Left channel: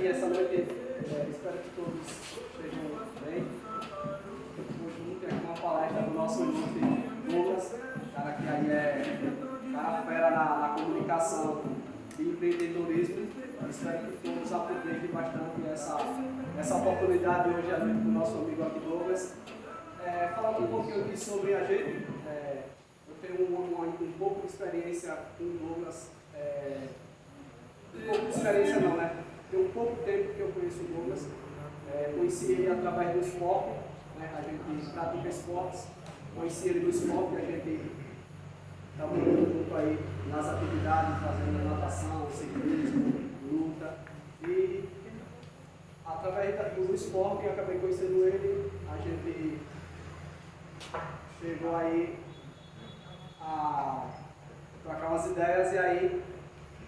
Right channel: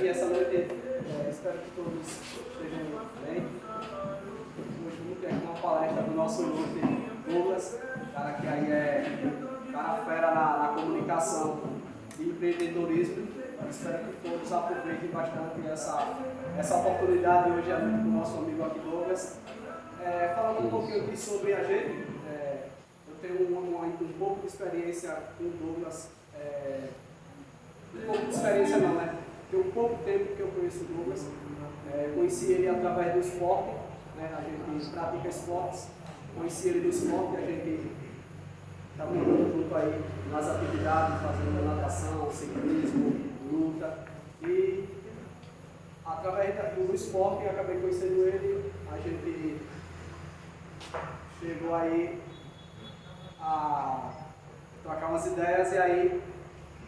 aqui essa noite. Espero que todos estejam bem. Hoje vamos ter aqui uma palestra do nosso ilustre Douglas, cara que aí é cara fera na comunicação e empreendedorismo. Espero que todos aproveitem bastante essa oportunidade hoje à noite com o nosso amigo aqui Douglas. Falando um pouquinho aqui sobre a gente, eu tenho um pouco de experiência com o Douglas. Um pouco de experiência não, né? Tem um pouco tempo que eu conheço o Douglas. Conheci ele através do esporte, né? A gente pratica esportes. Conheci ele no esporte, a gente estava junto aí nas atividades, fazendo natação, ciclismo, luta. E através do esporte eu acabei conhecendo ele. A gente chegou aí a trocar umas ideias e aí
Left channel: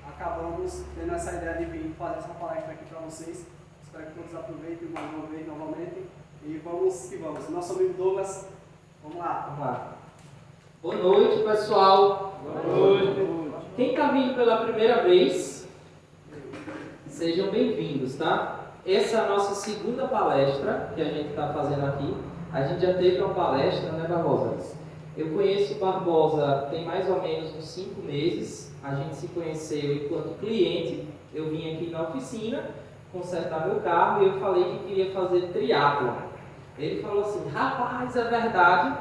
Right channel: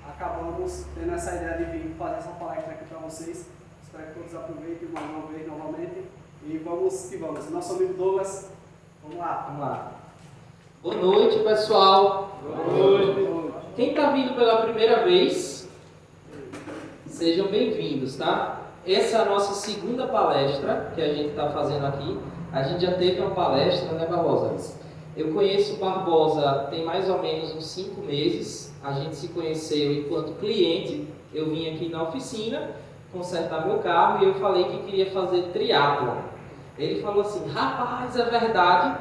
acabamos tendo essa ideia de vir fazer essa palestra aqui para vocês. Espero que todos aproveitem mais uma vez novamente. E vamos que vamos. Nosso amigo Douglas, vamos lá. Vamos lá. Boa noite, pessoal. Boa noite. Quem está vindo pela primeira vez, sejam bem-vindos, tá? Essa é a nossa segunda palestra que a gente está fazendo aqui. A gente já teve uma palestra, né, Barbosa? Eu conheço o Barbosa tem mais ou menos uns 5 meses. A gente se conheceu enquanto cliente. Eu vim aqui na oficina consertar meu carro e eu falei que queria fazer triatlon. Ele falou assim: rapaz, é verdade,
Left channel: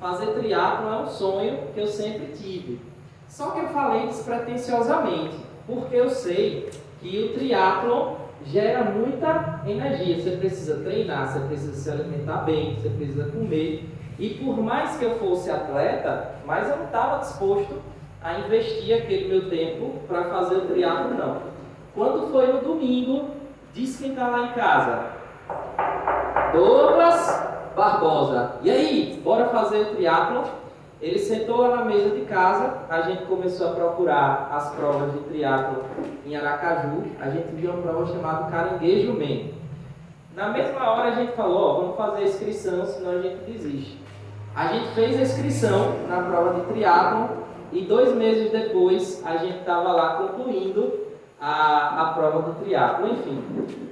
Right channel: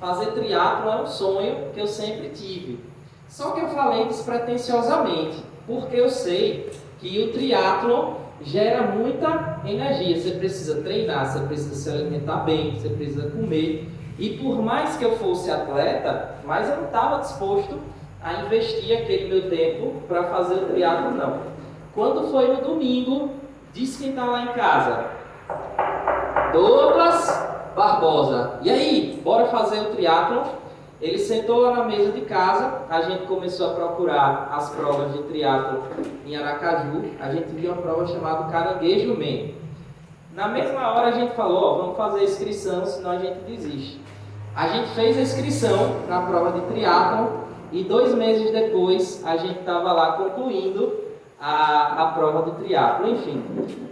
fazer triatlon é um sonho que eu sempre tive. Só que eu falei despretensiosamente, porque eu sei que o triatlon gera muita energia. Você precisa treinar, você precisa se alimentar bem, você precisa comer. E por mais que eu fosse atleta, mas eu não estava disposto a investir aquele meu tempo para fazer o triatlon, não. Quando foi no domingo, disse quem está lá em casa: Douglas Barbosa, e aí, bora fazer o triatlon? Ele sentou lá na mesa de casa, a gente começou a procurar as provas de triatlon em Aracaju. A gente viu uma prova chamada Caranguejo Man. Na mesma hora a gente falou: vamos fazer a inscrição, senão a gente desiste. A gente fez a inscrição na prova de triatlon e 2 meses depois a gente estava lá concluindo a prova do triatlon, enfim.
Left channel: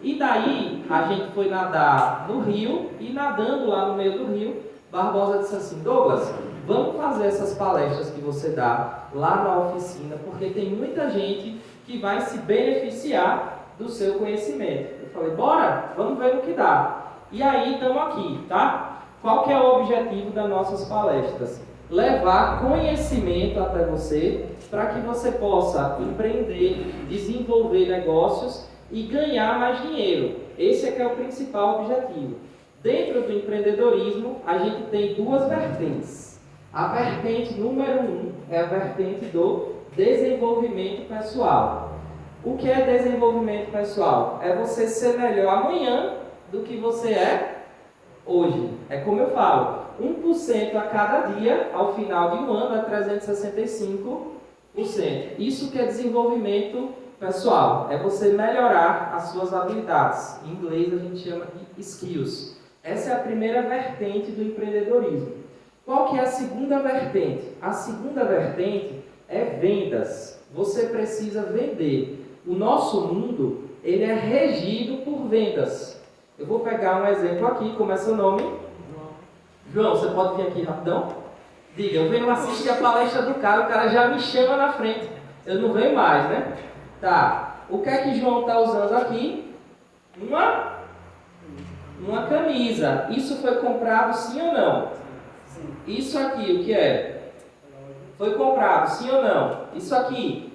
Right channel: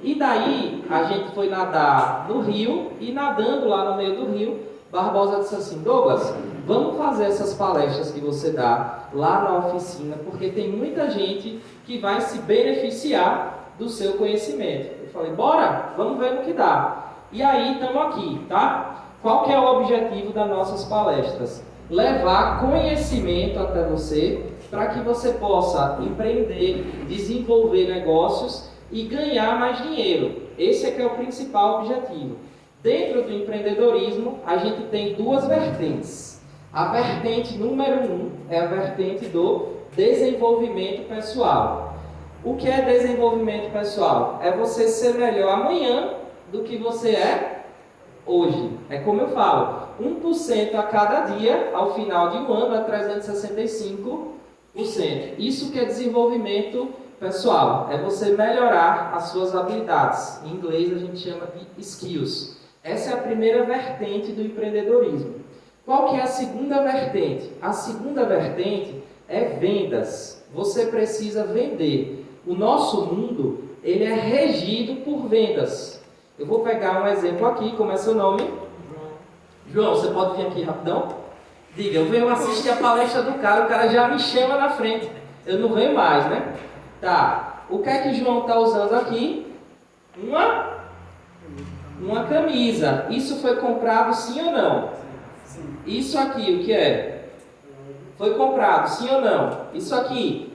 E daí a gente foi nadar no rio e nadando lá no meio do rio, Barbosa disse assim: Douglas, vamos fazer essas palestras que você dá lá na oficina, porque tem muita gente que vai se beneficiar do seu conhecimento. Eu falei: bora, vamos ver no que dá. E aí estamos aqui, tá? Qual que é o objetivo das nossas palestras? Levar conhecimento até você, para que você possa empreender, desenvolver negócios e ganhar mais dinheiro. Esse é que é o principal objetivo. Dentro do empreendedorismo, a gente tem 2 vertentes. A vertente número 1 é a vertente do desenvolvimento pessoal. O que é desenvolvimento pessoal? É você ser melhor amanhã do que você é hoje. É como eu falo, 1% a cada dia, ao final de um ano, é 365%. Isso que é desenvolvimento pessoal, é você melhorar as suas habilidades. Em inglês a gente chama de skills. Essa é a primeira vertente do empreendedorismo. Qual que é a segunda vertente? A segunda vertente é vendas. Você precisa vender. O nosso mundo, ele é regido por vendas. Eu vou pegar um exemplo aqui. Como é seu nome? João, você pode vir aqui rapidão? Diga, eu venho assistir a palestra do cara, o cara já me chama na frente. Eu não venho mais, né? Tá. O que é que João está usando aqui? Uma camisa. Isso foi comprado sim ou não? Sim. Isso aqui, o que é? Foi comprado sim ou não? Isso aqui?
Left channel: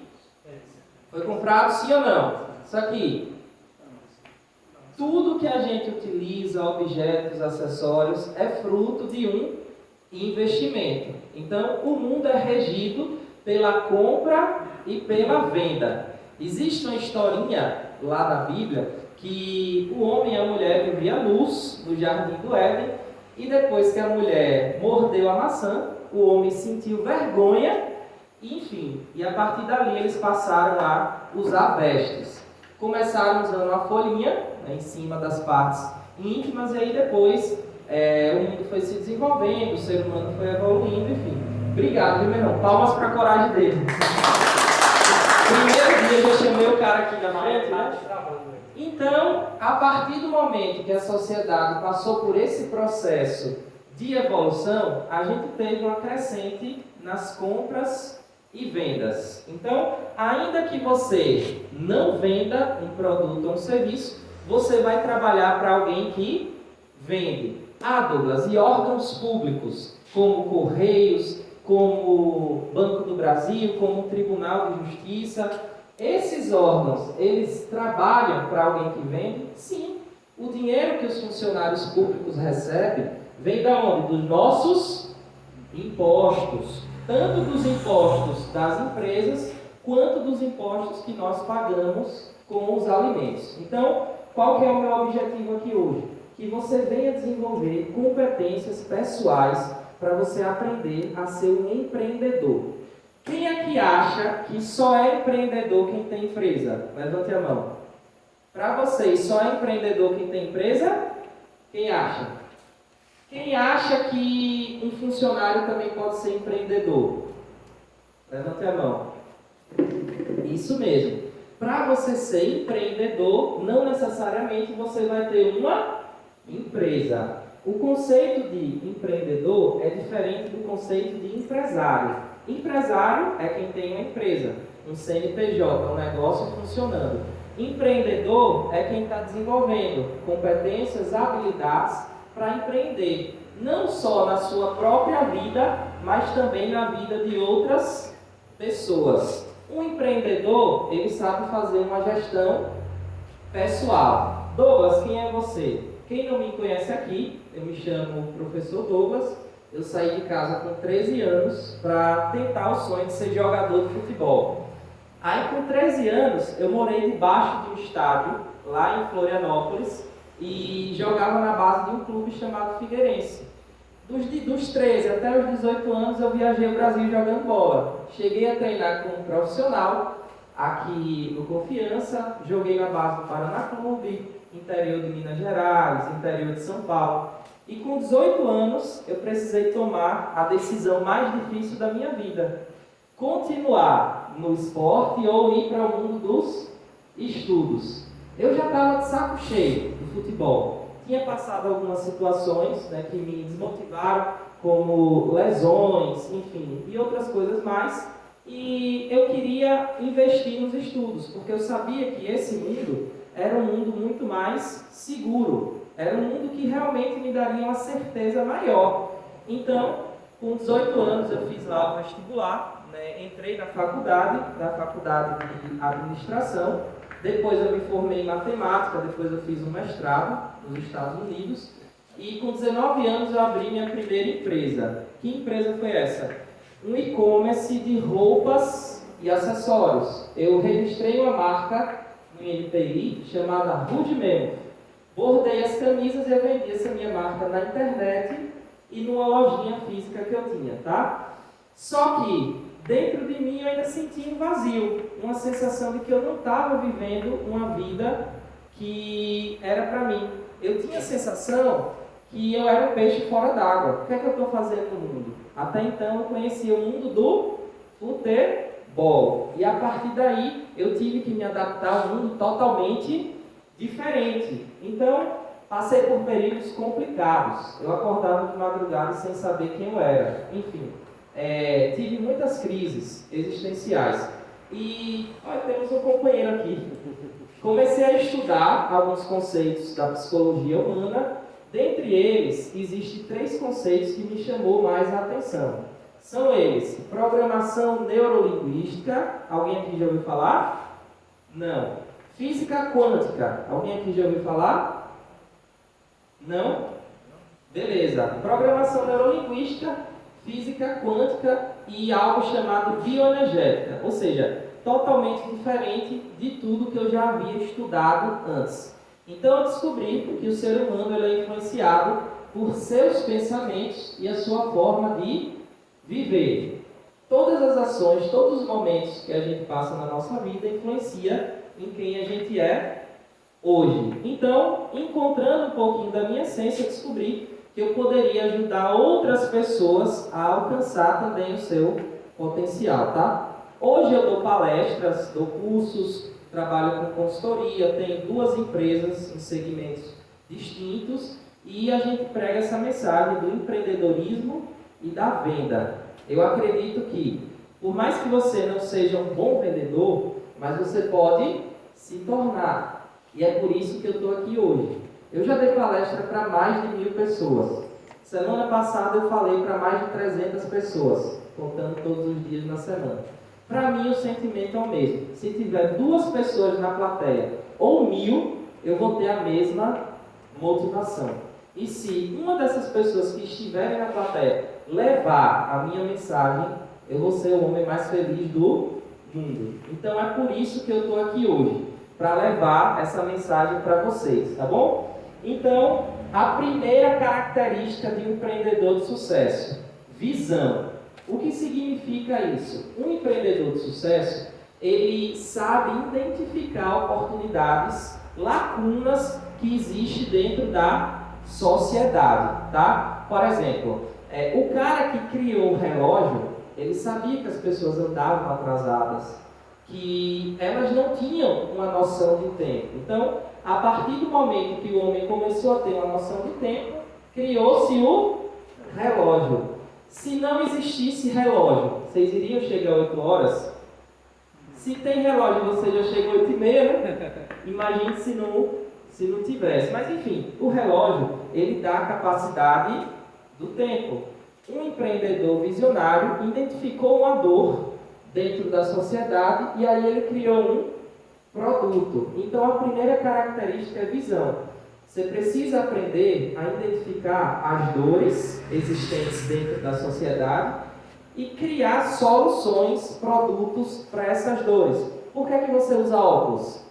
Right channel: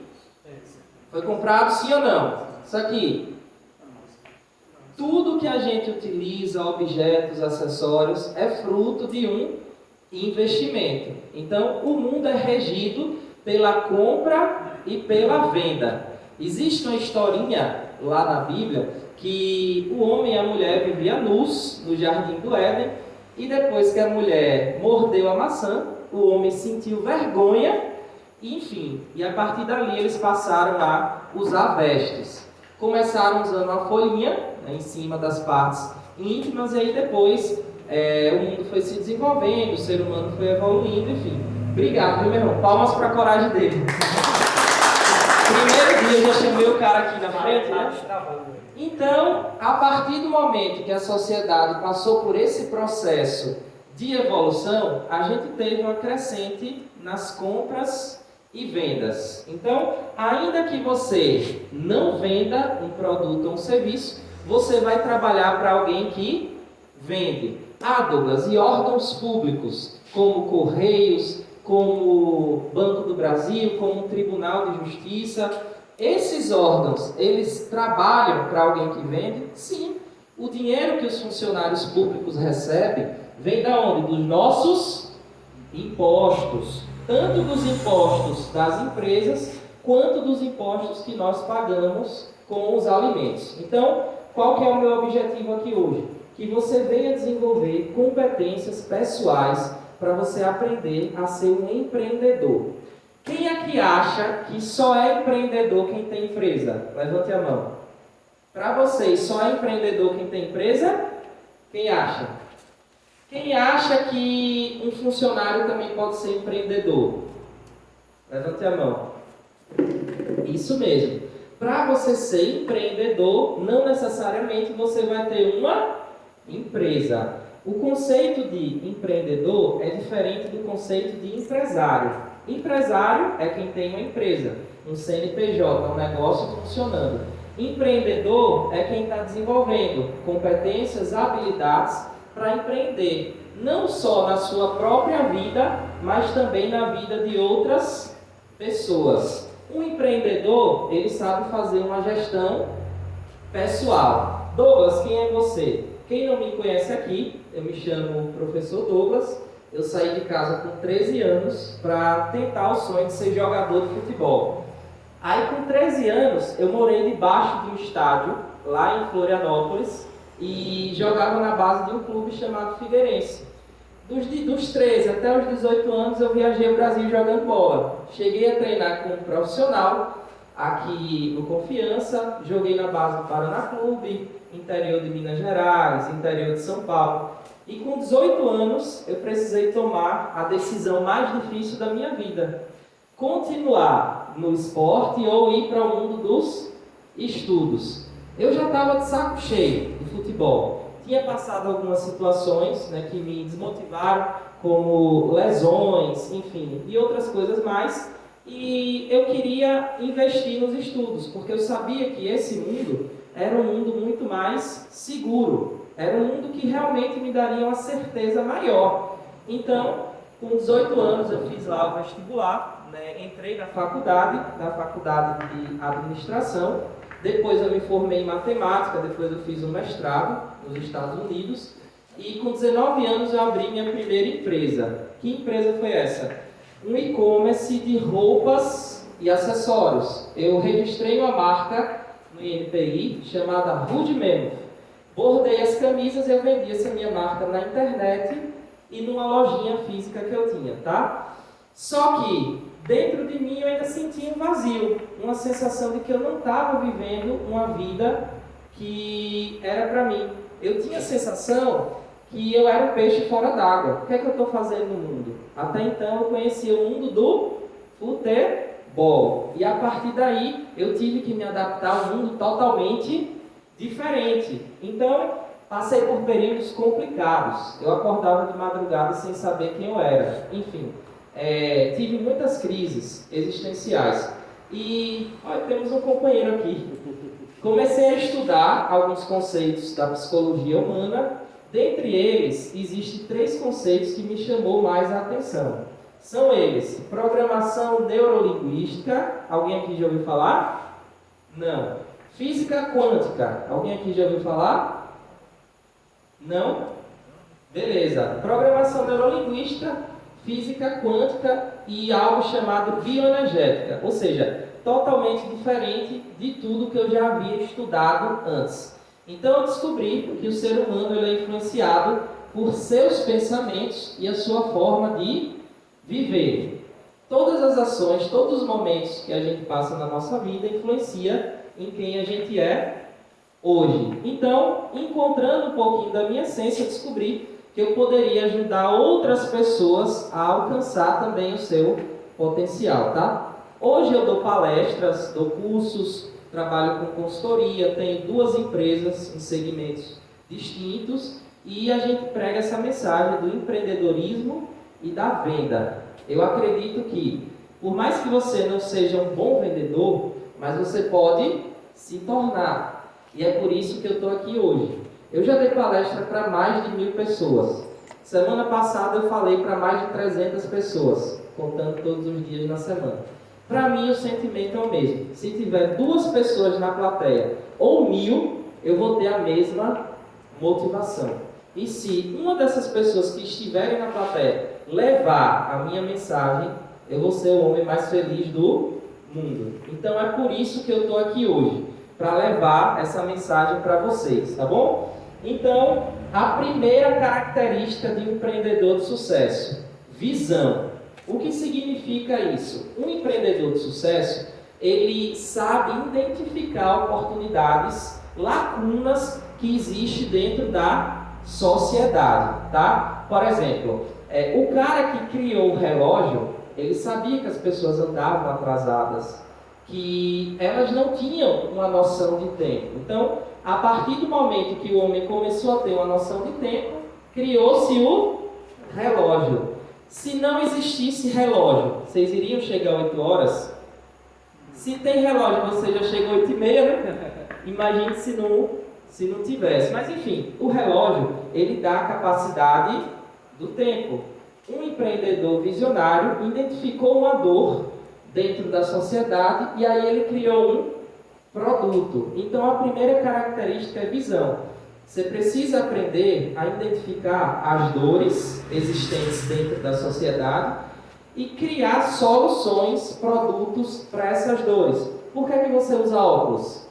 Foi comprado sim ou não? Isso aqui? Tudo que a gente utiliza, objetos, acessórios, é fruto de um investimento. Então, o mundo é regido pela compra e pela venda. Existe uma historinha lá na Bíblia que o homem e a mulher viviam nus no jardim do Éden e depois que a mulher mordeu a maçã, o homem sentiu vergonha e, enfim, e a partir dali eles passaram a usar vestes. Começaram usando uma folhinha, né, em cima das partes íntimas, e aí depois o mundo foi se desenvolvendo, o ser humano foi evoluindo, enfim. Obrigado, viu, meu irmão? Palmas para a coragem dele. Primeiro eu já chamei o cara aqui na frente, né? Então, a partir do momento que a sociedade passou por esse processo de evolução, a gente teve uma crescente nas compras e vendas. Então, ainda que você não venda um produto ou um serviço, você vai trabalhar para alguém que vende. Ah, Douglas, e órgãos públicos, como Correios, como Banco do Brasil, como Tribunal de Justiça, esses órgãos, eles trabalham para alguém que vende? Sim. O dinheiro que os funcionários públicos recebem vem da onde? Dos nossos impostos. Tanto dos impostos das empresas, quanto dos impostos que nós pagamos com os alimentos. Então, qual que é o meu objetivo aqui hoje? Que você venha desenvolver competências pessoais para você aprender a ser um empreendedor. Quem é que acha que só é empreendedor quem tem empresa? Levante a mão. Para vocês, só é empreendedor quem tem empresa? Quem acha? Quem acha que um funcionário também pode ser empreendedor? Levante a mão. Isso mesmo. Para você ser empreendedor, não necessariamente você vai ter uma empresa. O conceito de empreendedor é diferente do conceito de empresário. Empresário é quem tem uma empresa, um CNPJ, um negócio funcionando. Empreendedor é quem está desenvolvendo competências, habilidades para empreender, não só na sua própria vida, mas também na vida de outras pessoas. Um empreendedor, ele sabe fazer uma gestão pessoal. Douglas, quem é você? Quem não me conhece aqui, eu me chamo Professor Douglas. Eu saí de casa com 13 anos para tentar o sonho de ser jogador de futebol. Aí com 13 anos eu morei debaixo de um estádio lá em Florianópolis e jogava na base de um clube chamado Figueirense. Dos 13 até os 18 anos eu viajei o Brasil jogando bola. Cheguei a treinar como profissional aqui no Confiança, joguei na base do Paraná Clube, interior de Minas Gerais, interior de São Paulo. E com 18 anos, eu precisei tomar a decisão mais difícil da minha vida. Continuar no esporte ou ir para o mundo dos estudos. Eu já estava de saco cheio do futebol. Tinha passado algumas situações, né, que me desmotivaram, como lesões, enfim, e outras coisas mais. E eu queria investir nos estudos, porque eu sabia que esse mundo era um mundo muito mais seguro. Era um mundo que realmente me daria uma certeza maior. Então, com 18 anos, eu fiz lá o vestibular, né? Entrei na faculdade de administração. Depois eu me formei em matemática, depois eu fiz um mestrado nos Estados Unidos. E com 19 anos eu abri minha primeira empresa. Que empresa foi essa? Um e-commerce de roupas e acessórios. Eu registrei uma marca no INPI chamada Rude Memo. Bordei as camisas e eu vendi essa minha marca na internet e numa lojinha física que eu tinha, tá? Só que dentro de mim eu ainda sentia um vazio, uma sensação de que eu não estava vivendo uma vida que era para mim. Eu tinha a sensação que eu era um peixe fora d'água. O que é que eu estou fazendo no mundo? Até então eu conhecia o mundo do futebol. E a partir daí eu tive que me adaptar a um mundo totalmente diferente. Então, passei por períodos complicados. Eu acordava de madrugada sem saber quem eu era. Enfim, tive muitas crises existenciais. E, olha, temos um companheiro aqui. Comecei a estudar alguns conceitos da psicologia humana. Dentre eles, existem 3 conceitos que me chamou mais a atenção. São eles: programação neurolinguística. Alguém aqui já ouviu falar? Não. Física quântica. Alguém aqui já ouviu falar? Não? Beleza. Programação neurolinguística, física quântica e algo chamado bioenergética. Ou seja, totalmente diferente de tudo que eu já havia estudado antes. Então eu descobri que o ser humano ele é influenciado por seus pensamentos e a sua forma de viver. Todas as ações, todos os momentos que a gente passa na nossa vida influencia em quem a gente é hoje. Então, encontrando um pouquinho da minha essência, eu descobri que eu poderia ajudar outras pessoas a alcançar também o seu potencial, tá? Hoje eu dou palestras, dou cursos, trabalho com consultoria, tenho 2 empresas em segmentos distintos e a gente prega essa mensagem do empreendedorismo e da venda. Eu acredito que, por mais que você não seja um bom vendedor, mas você pode se tornar. E é por isso que eu estou aqui hoje. Eu já dei palestra para mais de 1000 pessoas. Semana passada eu falei para mais de 300 pessoas, contando todos os dias na semana. Para mim o sentimento é o mesmo. Se tiver 2 pessoas na plateia ou 1000, eu vou ter a mesma motivação. E se uma dessas pessoas que estiverem na plateia levar a minha mensagem, eu vou ser o homem mais feliz do mundo. Então é por isso que eu estou aqui hoje, para levar essa mensagem para vocês, tá bom? Então, a primeira característica de um empreendedor de sucesso: visão. O que significa isso? Um empreendedor de sucesso, ele sabe identificar oportunidades, lacunas que existem dentro da sociedade, tá? Por exemplo, o cara que criou o relógio, ele sabia que as pessoas andavam atrasadas, que elas não tinham uma noção de tempo. Então, a partir do momento que o homem começou a ter uma noção de tempo, criou-se o relógio. Se não existisse relógio, vocês iriam chegar a 8 horas? Se tem relógio, você já chega a 8h30, né? Imagine se não tivesse. Mas enfim, o relógio, ele dá a capacidade do tempo. Um empreendedor visionário identificou uma dor dentro da sociedade e aí ele criou um produto. Então a primeira característica é visão. Você precisa aprender a identificar as dores existentes dentro da sociedade e criar soluções, produtos para essas dores. Por que é que você usa óculos?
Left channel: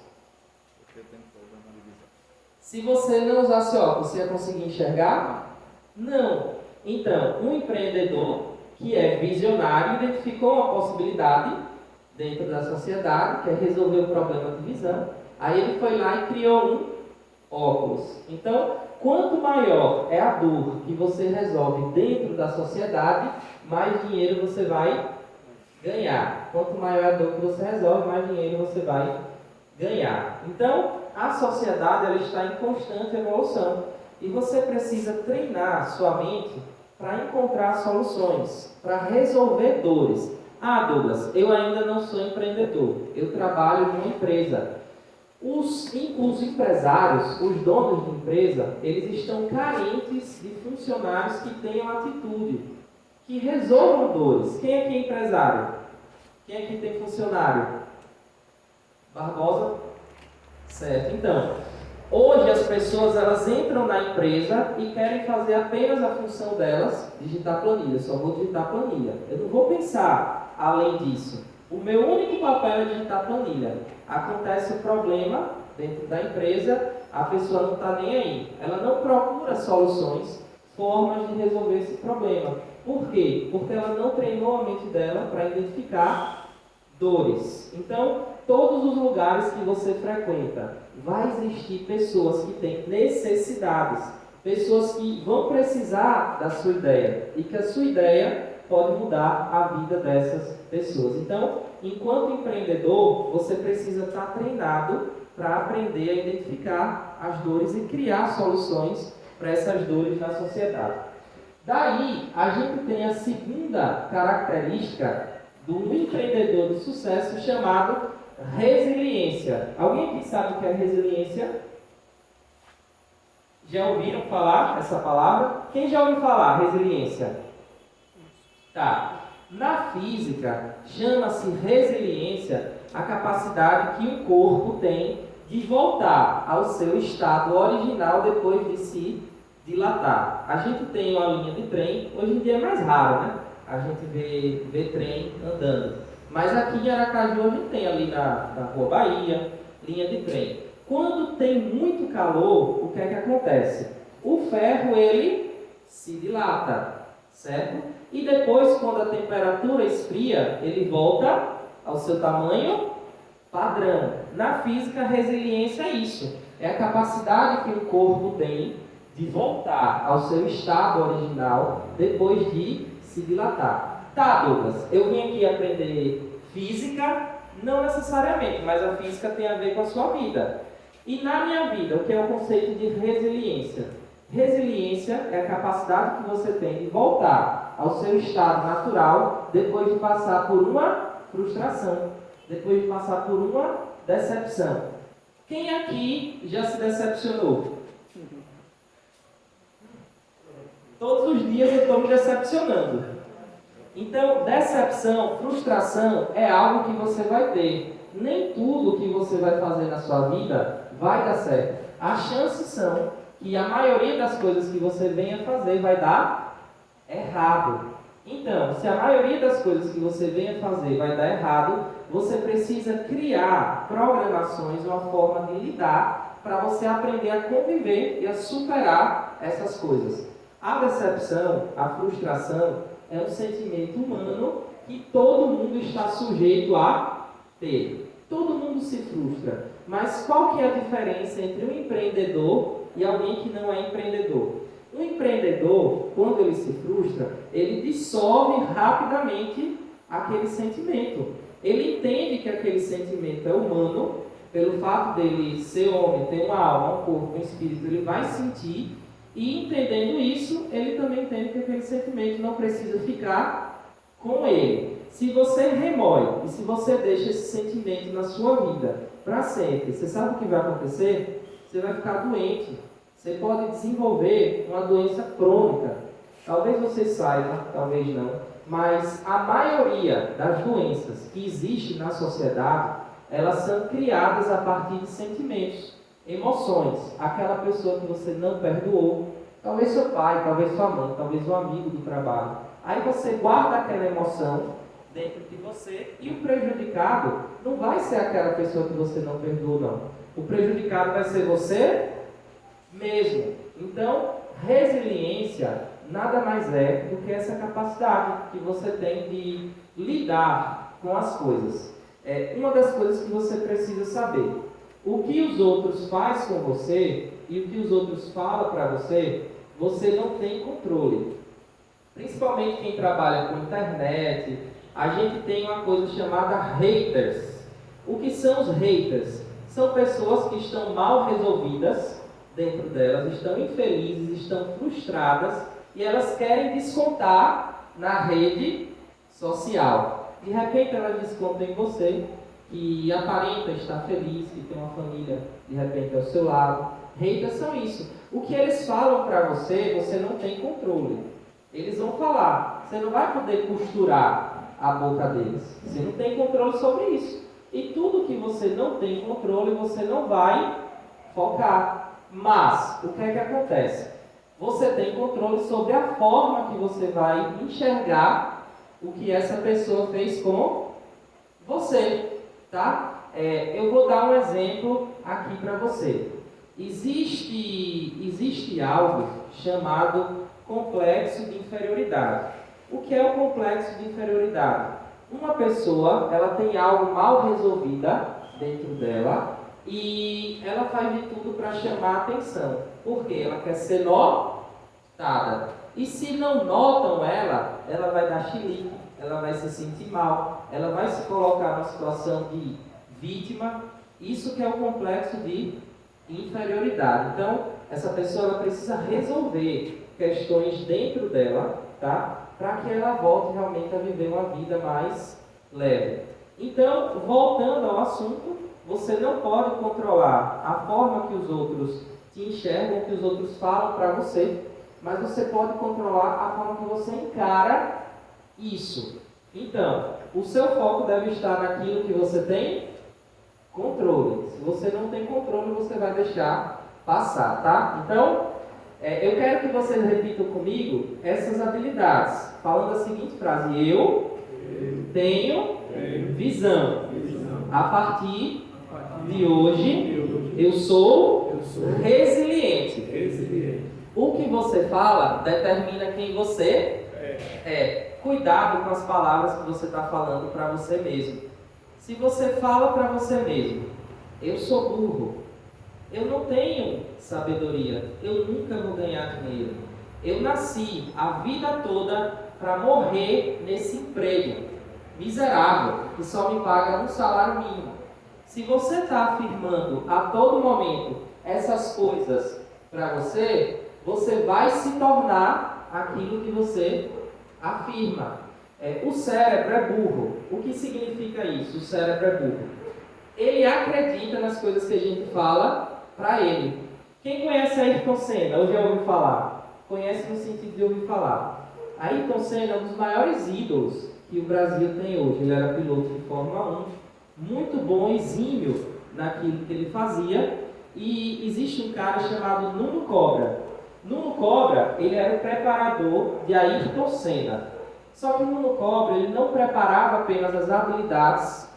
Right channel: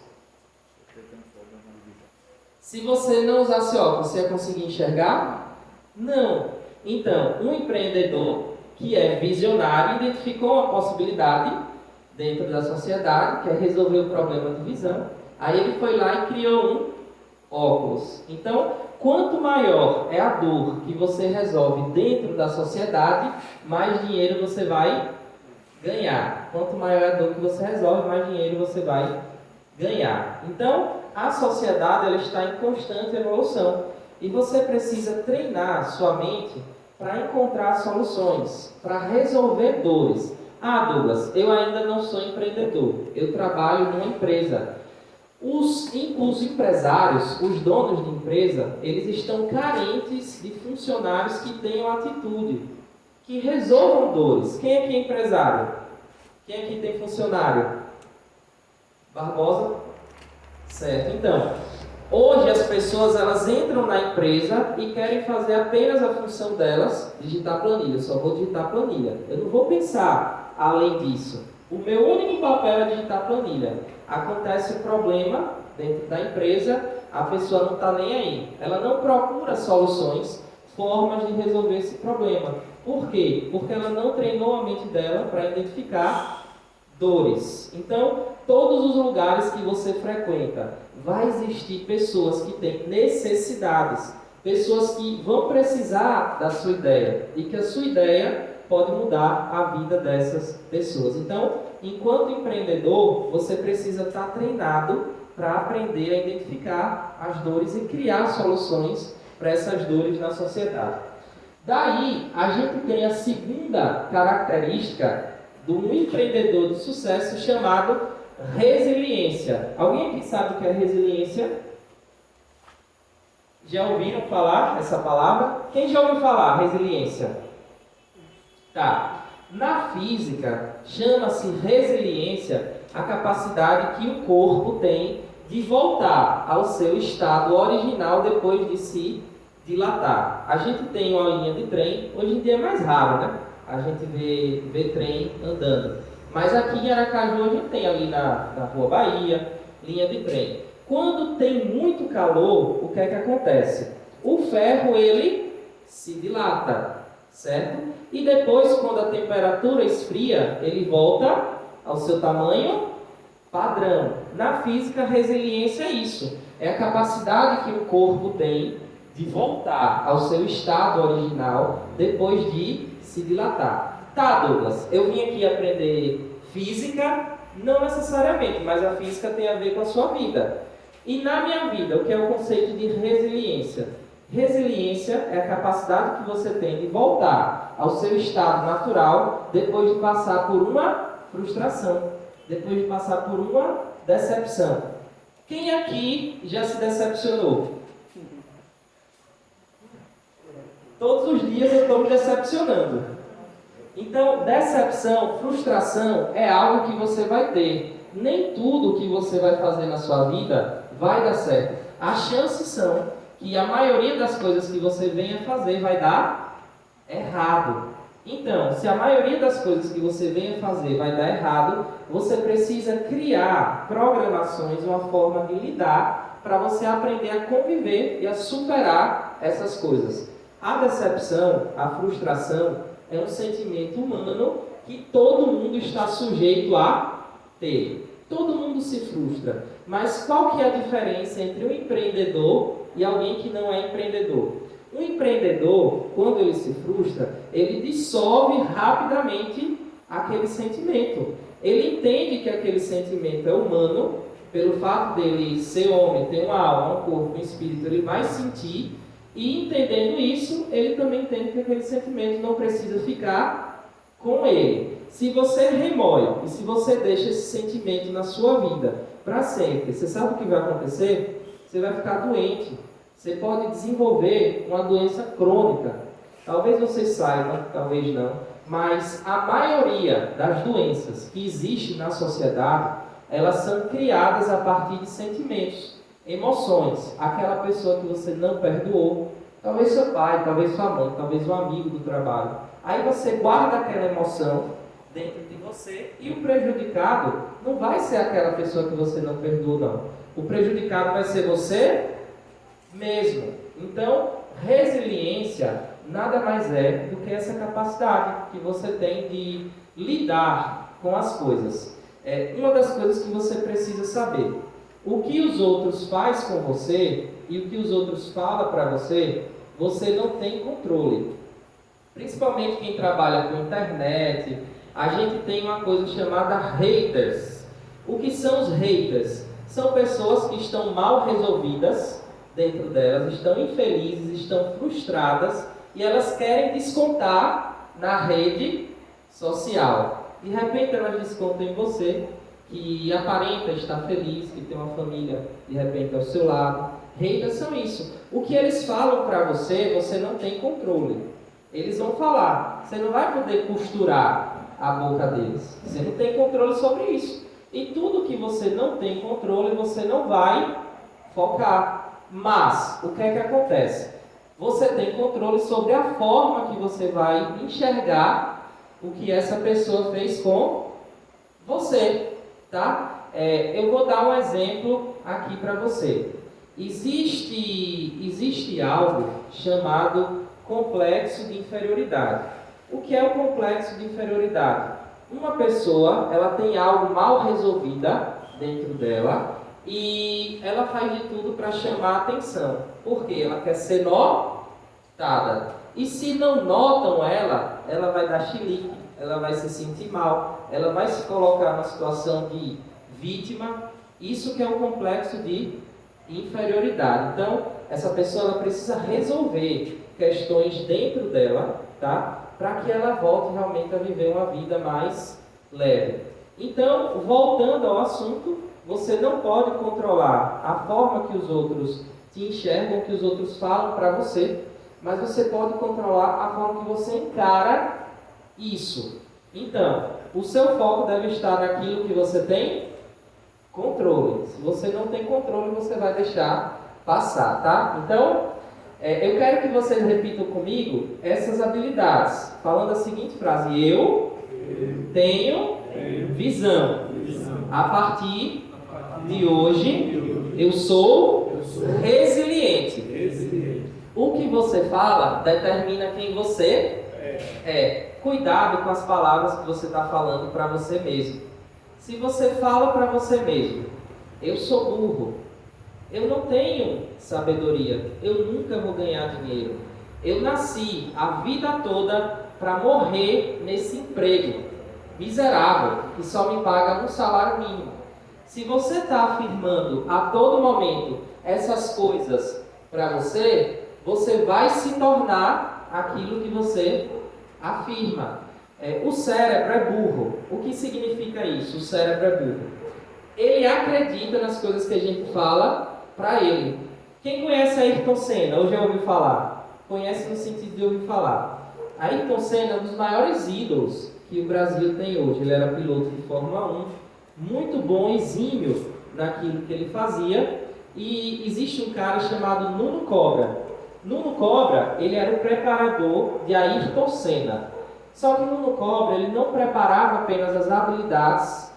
Se você não usasse óculos, você ia conseguir enxergar? Não. Então, um empreendedor que é visionário identificou uma possibilidade dentro da sociedade, que é resolver o problema de visão. Aí ele foi lá e criou um óculos. Então, quanto maior é a dor que você resolve dentro da sociedade, mais dinheiro você vai ganhar. Quanto maior é a dor que você resolve, mais dinheiro você vai ganhar. Então, a sociedade ela está em constante evolução e você precisa treinar sua mente para encontrar soluções, para resolver dores. Ah, Douglas, eu ainda não sou empreendedor, eu trabalho numa empresa. Os empresários, os donos de empresa, eles estão carentes de funcionários que tenham atitude, que resolvam dores. Quem aqui é empresário? Quem aqui tem funcionário? Barbosa? Certo. Então, hoje as pessoas elas entram na empresa e querem fazer apenas a função delas, digitar planilha. Eu só vou digitar planilha. Eu não vou pensar além disso. O meu único papel é digitar planilha. Acontece o problema dentro da empresa, a pessoa não está nem aí. Ela não procura soluções, formas de resolver esse problema. Por quê? Porque ela não treinou a mente dela para identificar dores. Então, todos os lugares que você frequenta, vai existir pessoas que têm necessidades, pessoas que vão precisar da sua ideia e que a sua ideia pode mudar a vida dessas pessoas. Então, enquanto empreendedor, você precisa estar treinado para aprender a identificar as dores e criar soluções para essas dores na sociedade. Daí, a gente tem a segunda característica do empreendedor de sucesso chamado resiliência. Alguém aqui sabe o que é resiliência? Já ouviram falar essa palavra? Quem já ouviu falar resiliência? Tá. Na física, chama-se resiliência a capacidade que o corpo tem de voltar ao seu estado original depois de se dilatar. A gente tem uma linha de trem, hoje em dia é mais raro, né? A gente vê trem andando. Mas aqui em Aracaju a gente tem ali na Rua Bahia, linha de trem. Quando tem muito calor, o que é que acontece? O ferro, ele se dilata, certo? E depois, quando a temperatura esfria, ele volta ao seu tamanho padrão. Na física, a resiliência é isso. É a capacidade que o corpo tem de voltar ao seu estado original depois de se dilatar. Tá, Douglas, eu vim aqui aprender Física, não necessariamente, mas a física tem a ver com a sua vida. E na minha vida, o que é o conceito de resiliência? Resiliência é a capacidade que você tem de voltar ao seu estado natural depois de passar por uma frustração, depois de passar por uma decepção. Quem aqui já se decepcionou? Todos os dias eu estou me decepcionando. Então, decepção, frustração é algo que você vai ter. Nem tudo que você vai fazer na sua vida vai dar certo. As chances são que a maioria das coisas que você venha fazer vai dar errado. Então, se a maioria das coisas que você venha fazer vai dar errado, você precisa criar programações, uma forma de lidar para você aprender a conviver e a superar essas coisas. A decepção, a frustração, é um sentimento humano que todo mundo está sujeito a ter. Todo mundo se frustra. Mas qual que é a diferença entre um empreendedor e alguém que não é empreendedor? Um empreendedor, quando ele se frustra, ele dissolve rapidamente aquele sentimento. Ele entende que aquele sentimento é humano, pelo fato dele ser homem, ter uma alma, um corpo, um espírito, ele vai sentir. E entendendo isso, ele também entende que aquele sentimento não precisa ficar com ele. Se você remói e se você deixa esse sentimento na sua vida para sempre, você sabe o que vai acontecer? Você vai ficar doente. Você pode desenvolver uma doença crônica. Talvez você saiba, talvez não, mas a maioria das doenças que existem na sociedade, elas são criadas a partir de sentimentos. Emoções, aquela pessoa que você não perdoou, talvez seu pai, talvez sua mãe, talvez um amigo do trabalho. Aí você guarda aquela emoção dentro de você e o prejudicado não vai ser aquela pessoa que você não perdoou, não. O prejudicado vai ser você mesmo. Então, resiliência nada mais é do que essa capacidade que você tem de lidar com as coisas. É uma das coisas que você precisa saber. O que os outros fazem com você e o que os outros falam para você, você não tem controle. Principalmente quem trabalha com internet, a gente tem uma coisa chamada haters. O que são os haters? São pessoas que estão mal resolvidas dentro delas, estão infelizes, estão frustradas e elas querem descontar na rede social. De repente elas descontam em você, que aparenta estar feliz, que tem uma família de repente ao seu lado. Haters são isso. O que eles falam para você, você não tem controle. Eles vão falar, você não vai poder costurar a boca deles. Você não tem controle sobre isso. E tudo que você não tem controle, você não vai focar. Mas, o que é que acontece? Você tem controle sobre a forma que você vai enxergar o que essa pessoa fez com você. Tá? Eu vou dar um exemplo aqui para você. Existe algo chamado complexo de inferioridade. O que é o complexo de inferioridade? Uma pessoa, ela tem algo mal resolvida dentro dela e ela faz de tudo para chamar a atenção. Por quê? Ela quer ser notada. E se não notam ela, ela vai dar chilique, ela vai se sentir mal, ela vai se colocar numa situação de vítima. Isso que é o complexo de inferioridade. Então, essa pessoa ela precisa resolver questões dentro dela, tá? Para que ela volte realmente a viver uma vida mais leve. Então, voltando ao assunto, você não pode controlar a forma que os outros te enxergam, que os outros falam para você, mas você pode controlar a forma que você encara isso. Então, o seu foco deve estar naquilo que você tem controle. Se você não tem controle, você vai deixar passar, tá? Então, eu quero que vocês repitam comigo essas habilidades, falando a seguinte frase: eu tenho visão. A partir de hoje, eu sou resiliente. O que você fala determina quem você é. Cuidado com as palavras que você está falando para você mesmo. Se você fala para você mesmo: eu sou burro, eu não tenho sabedoria, eu nunca vou ganhar dinheiro, eu nasci a vida toda para morrer nesse emprego, miserável, que só me paga um salário mínimo. Se você está afirmando a todo momento essas coisas para você, você vai se tornar aquilo que você afirma. O cérebro é burro. O que significa isso? O cérebro é burro. Ele acredita nas coisas que a gente fala para ele. Quem conhece Ayrton Senna, ou já ouviu falar? Conhece no sentido de ouvir falar. Ayrton Senna é um dos maiores ídolos que o Brasil tem hoje. Ele era piloto de Fórmula 1, muito bom, exímio naquilo que ele fazia. E existe um cara chamado Nuno Cobra. Nuno Cobra, ele era o preparador de Ayrton Senna. Só que Nuno Cobra, ele não preparava apenas as habilidades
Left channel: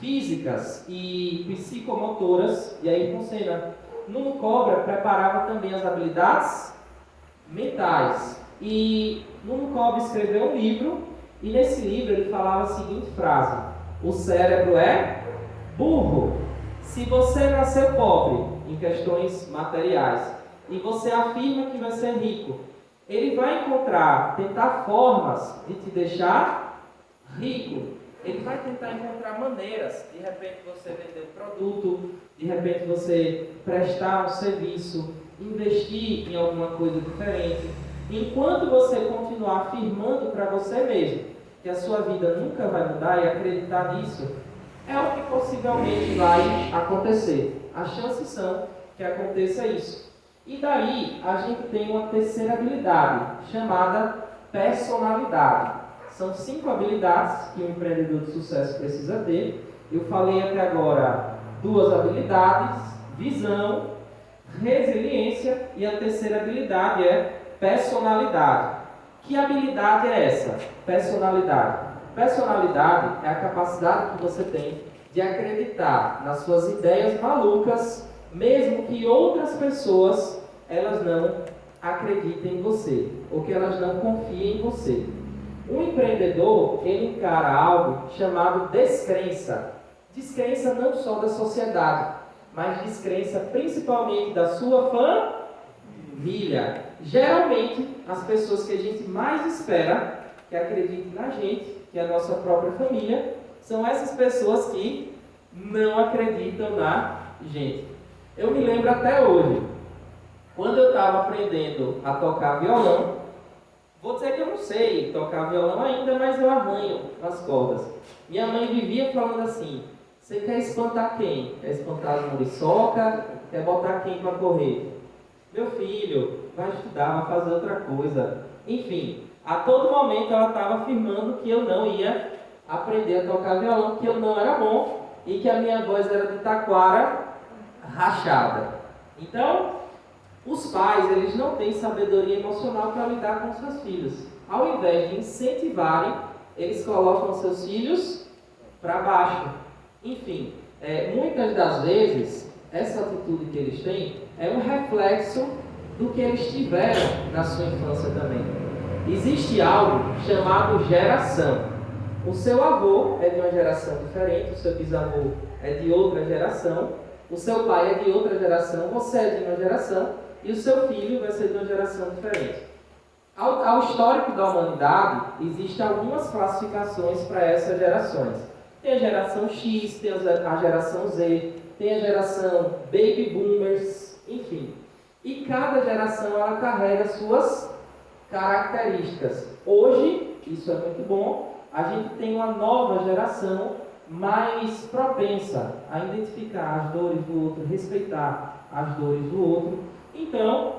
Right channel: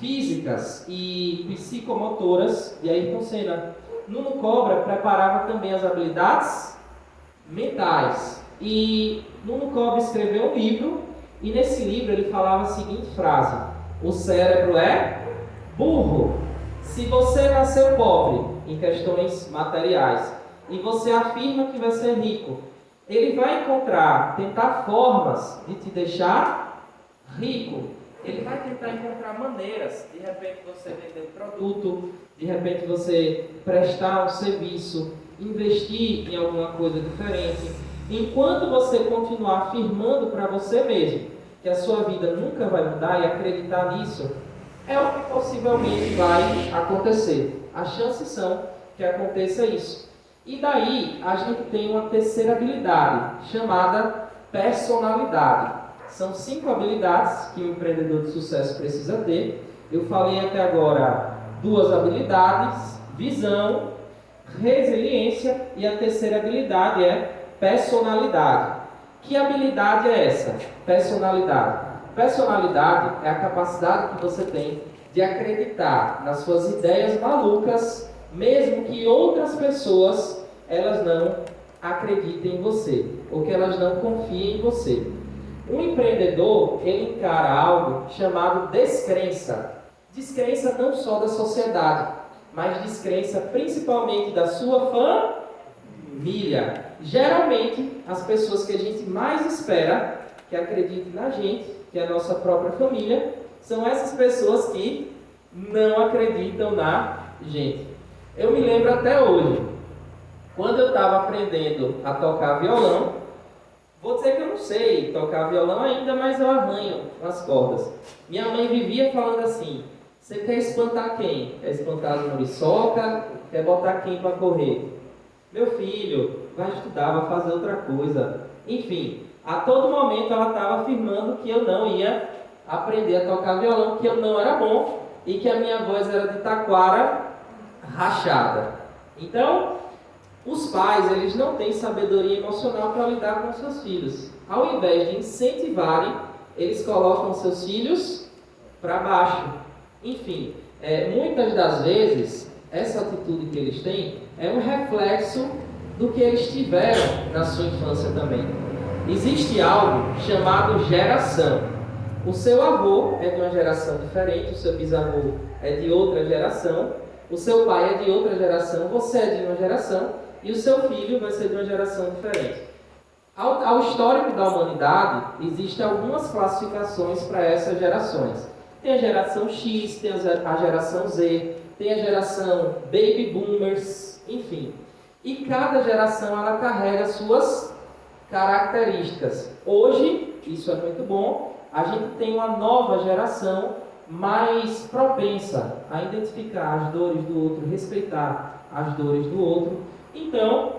físicas e psicomotoras de Ayrton Senna. Nuno Cobra preparava também as habilidades mentais. E Nuno Cobra escreveu um livro, e nesse livro ele falava a seguinte frase: o cérebro é burro. Se você nasceu pobre em questões materiais e você afirma que vai ser rico, ele vai tentar formas de te deixar rico. Ele vai tentar encontrar maneiras, de repente você vender um produto, de repente você prestar um serviço, investir em alguma coisa diferente. Enquanto você continuar afirmando para você mesmo que a sua vida nunca vai mudar e acreditar nisso, é o que possivelmente vai acontecer. As chances são que aconteça isso. E daí a gente tem uma terceira habilidade, chamada personalidade. São 5 habilidades que o empreendedor de sucesso precisa ter. Eu falei até agora 2 habilidades: visão, resiliência, e a terceira habilidade é personalidade. Que habilidade é essa? Personalidade. Personalidade é a capacidade que você tem de acreditar nas suas ideias malucas, mesmo que outras pessoas elas não acreditem em você, ou que elas não confiem em você. Um empreendedor, ele encara algo chamado descrença. Descrença não só da sociedade, mas descrença principalmente da sua família. Geralmente, as pessoas que a gente mais espera que acreditem na gente, que é a nossa própria família, são essas pessoas que não acreditam na gente. Eu me lembro até hoje, quando eu estava aprendendo a tocar violão, vou dizer que eu não sei tocar violão ainda, mas eu arranho nas cordas. Minha mãe vivia falando assim: você quer espantar quem? Quer espantar as muriçoca? Quer botar quem para correr? Meu filho, vai estudar, vai fazer outra coisa. Enfim, a todo momento ela estava afirmando que eu não ia aprender a tocar violão, que eu não era bom e que a minha voz era de taquara rachada. Então, os pais, eles não têm sabedoria emocional para lidar com seus filhos. Ao invés de incentivarem, eles colocam seus filhos para baixo. Enfim, muitas das vezes, essa atitude que eles têm é um reflexo do que eles tiveram na sua infância também. Existe algo chamado geração. O seu avô é de uma geração diferente, o seu bisavô é de outra geração, o seu pai é de outra geração, você é de uma geração e o seu filho vai ser de uma geração diferente. Ao histórico da humanidade, existem algumas classificações para essas gerações. Tem a geração X, tem a geração Z, tem a geração Baby Boomers, enfim. E cada geração ela carrega suas características. Hoje, isso é muito bom, a gente tem uma nova geração mais propensa a identificar as dores do outro, respeitar as dores do outro. Então,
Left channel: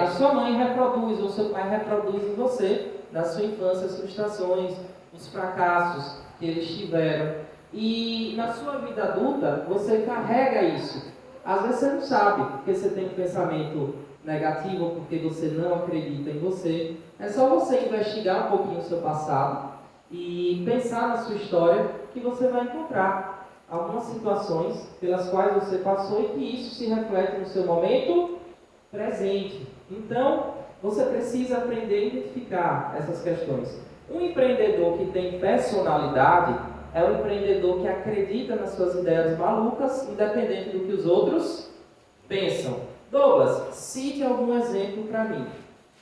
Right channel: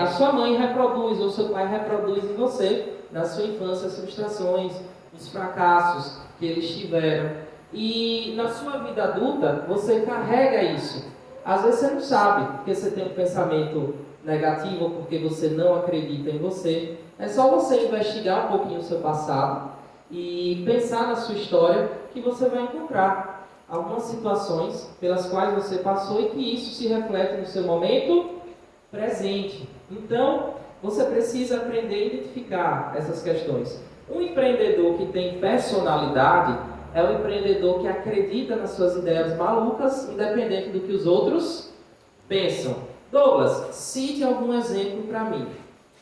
a sua mãe reproduz, ou seu pai reproduz em você, na sua infância, as frustrações, os fracassos que eles tiveram. E na sua vida adulta, você carrega isso. Às vezes você não sabe, porque você tem um pensamento negativo, ou porque você não acredita em você. É só você investigar um pouquinho o seu passado e pensar na sua história, que você vai encontrar algumas situações pelas quais você passou e que isso se reflete no seu momento presente. Então, você precisa aprender a identificar essas questões. Um empreendedor que tem personalidade é um empreendedor que acredita nas suas ideias malucas, independente do que os outros pensam. Douglas, cite algum exemplo para mim.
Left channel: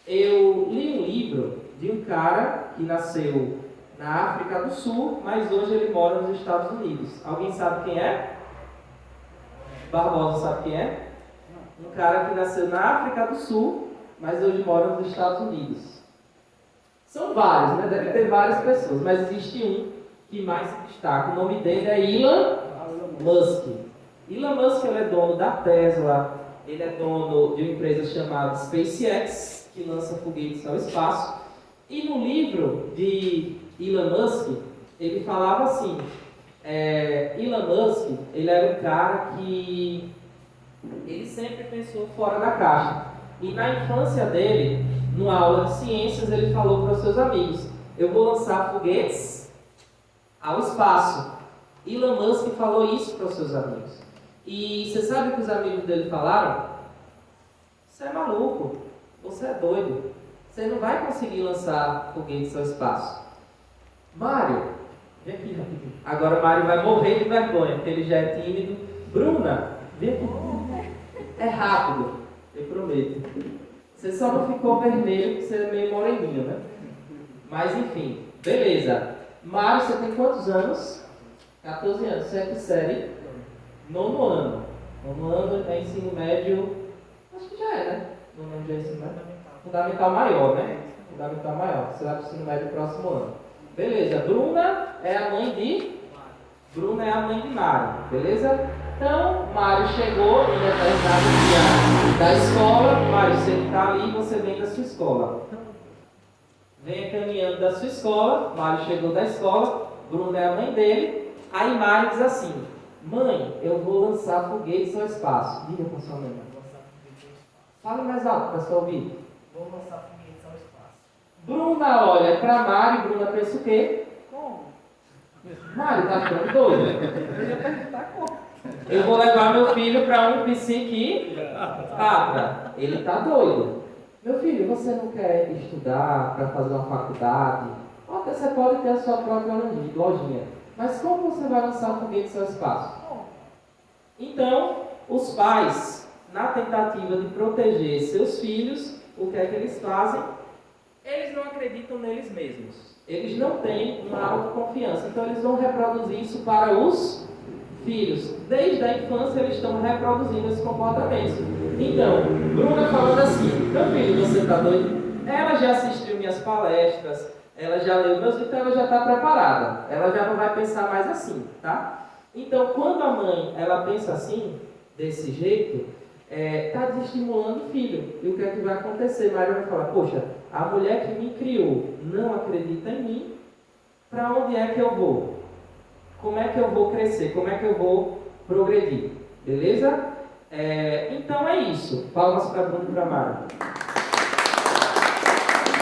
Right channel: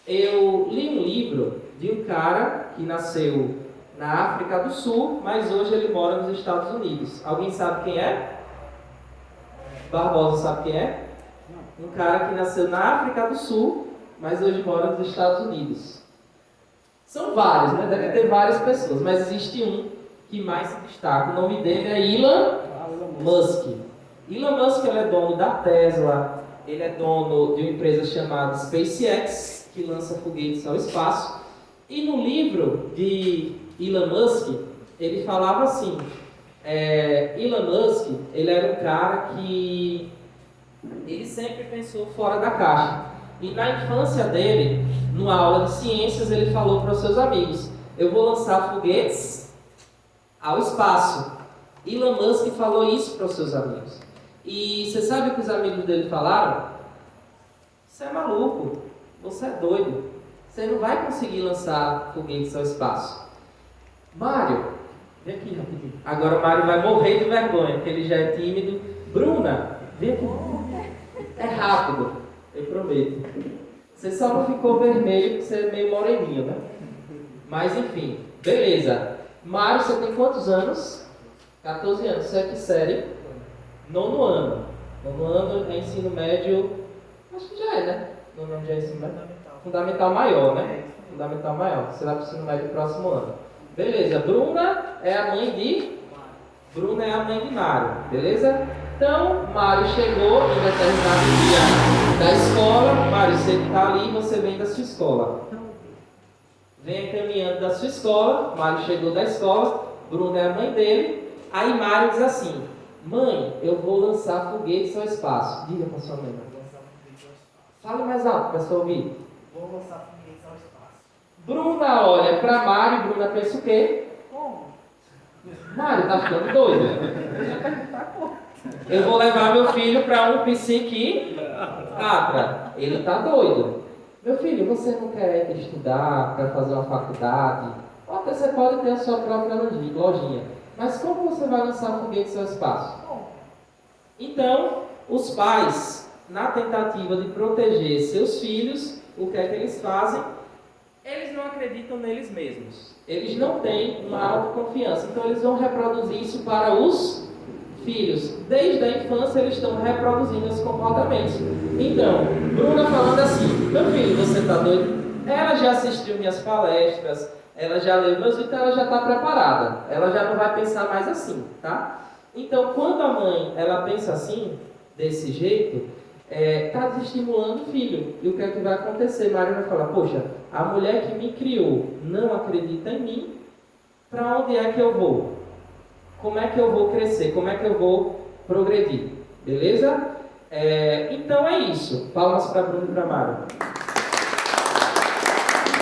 Eu li um livro de um cara que nasceu na África do Sul, mas hoje ele mora nos Estados Unidos. Alguém sabe quem é? Barbosa sabe quem é? Um cara que nasceu na África do Sul, mas hoje mora nos Estados Unidos. São vários, né? Deve ter várias pessoas, mas existe um que mais se destaca. O nome dele é Elon Musk. Elon Musk ele é dono da Tesla, ele é dono de uma empresa chamada SpaceX, que lança foguetes ao espaço. E no livro de Elon Musk, ele falava assim, Elon Musk, ele era um cara que ele sempre pensou fora da caixa. E na infância dele, numa aula de ciências, ele falou para os seus amigos, eu vou lançar foguetes ao espaço. Elon Musk falou isso para os seus amigos. E você sabe o que os amigos dele falaram? Você é maluco, você é doido, você não vai conseguir lançar foguetes ao espaço. Mário, vem aqui rapidinho. Agora o Mário vai morrer de vergonha, porque ele já é tímido. Bruna, vem aqui. É rápido, eu prometo. Você só não ficou vermelho porque você é meio moreninho, né? Mas enfim, beleza. Mário, você tem quantos anos? 14 anos. Você é que série? Nono ano. Nono ano é ensino médio. Acho que já é, né? Nono ano já é ensino médio. Fundamental maior, né? Fundamental maior. Você vai para o ensino médio no próximo ano. Beleza. Bruna é a mãe de Mário. Beleza? Então, Mário chegou em determinado dia da escola. Mário, você está ali, você vem da sua escola. Venha caminhando da sua escola. Mário chegou da escola. Bruna é a mãe dele. Aí Mário diz assim, mãe, eu vou lançar foguetes ao espaço. Diga para sua mãe. Fale mais alto para você ouvir. Vou lançar foguetes ao espaço. Bruna olha para Mário e Bruna pensa o quê? Como? Mário tá ficando doido. Eu ia perguntar como. Eu vou levar meu filho para um psiquiatra. Ele tá doido. Meu filho, você não quer estudar para fazer uma faculdade? Ou até você pode ter a sua própria lojinha. Mas como você vai lançar foguetes ao espaço? Então, os pais, na tentativa de proteger seus filhos, o que é que eles fazem? Eles não acreditam neles mesmos. Eles não têm uma autoconfiança. Então, eles vão reproduzir isso para os filhos. Desde a infância, eles estão reproduzindo esse comportamento. Então, Bruna falando assim, meu filho, você está doido? Ela já assistiu minhas palestras, ela já leu meus livros, então ela já está preparada. Ela já não vai pensar mais assim, tá? Então, quando a mãe, ela pensa assim, desse jeito, está desestimulando o filho. E o que é que vai acontecer? Mário vai falar, poxa, a mulher que me criou não acredita em mim, para onde é que eu vou? Como é que eu vou crescer? Como é que eu vou progredir? Beleza? Então é isso. Palmas para Bruno e para Mário.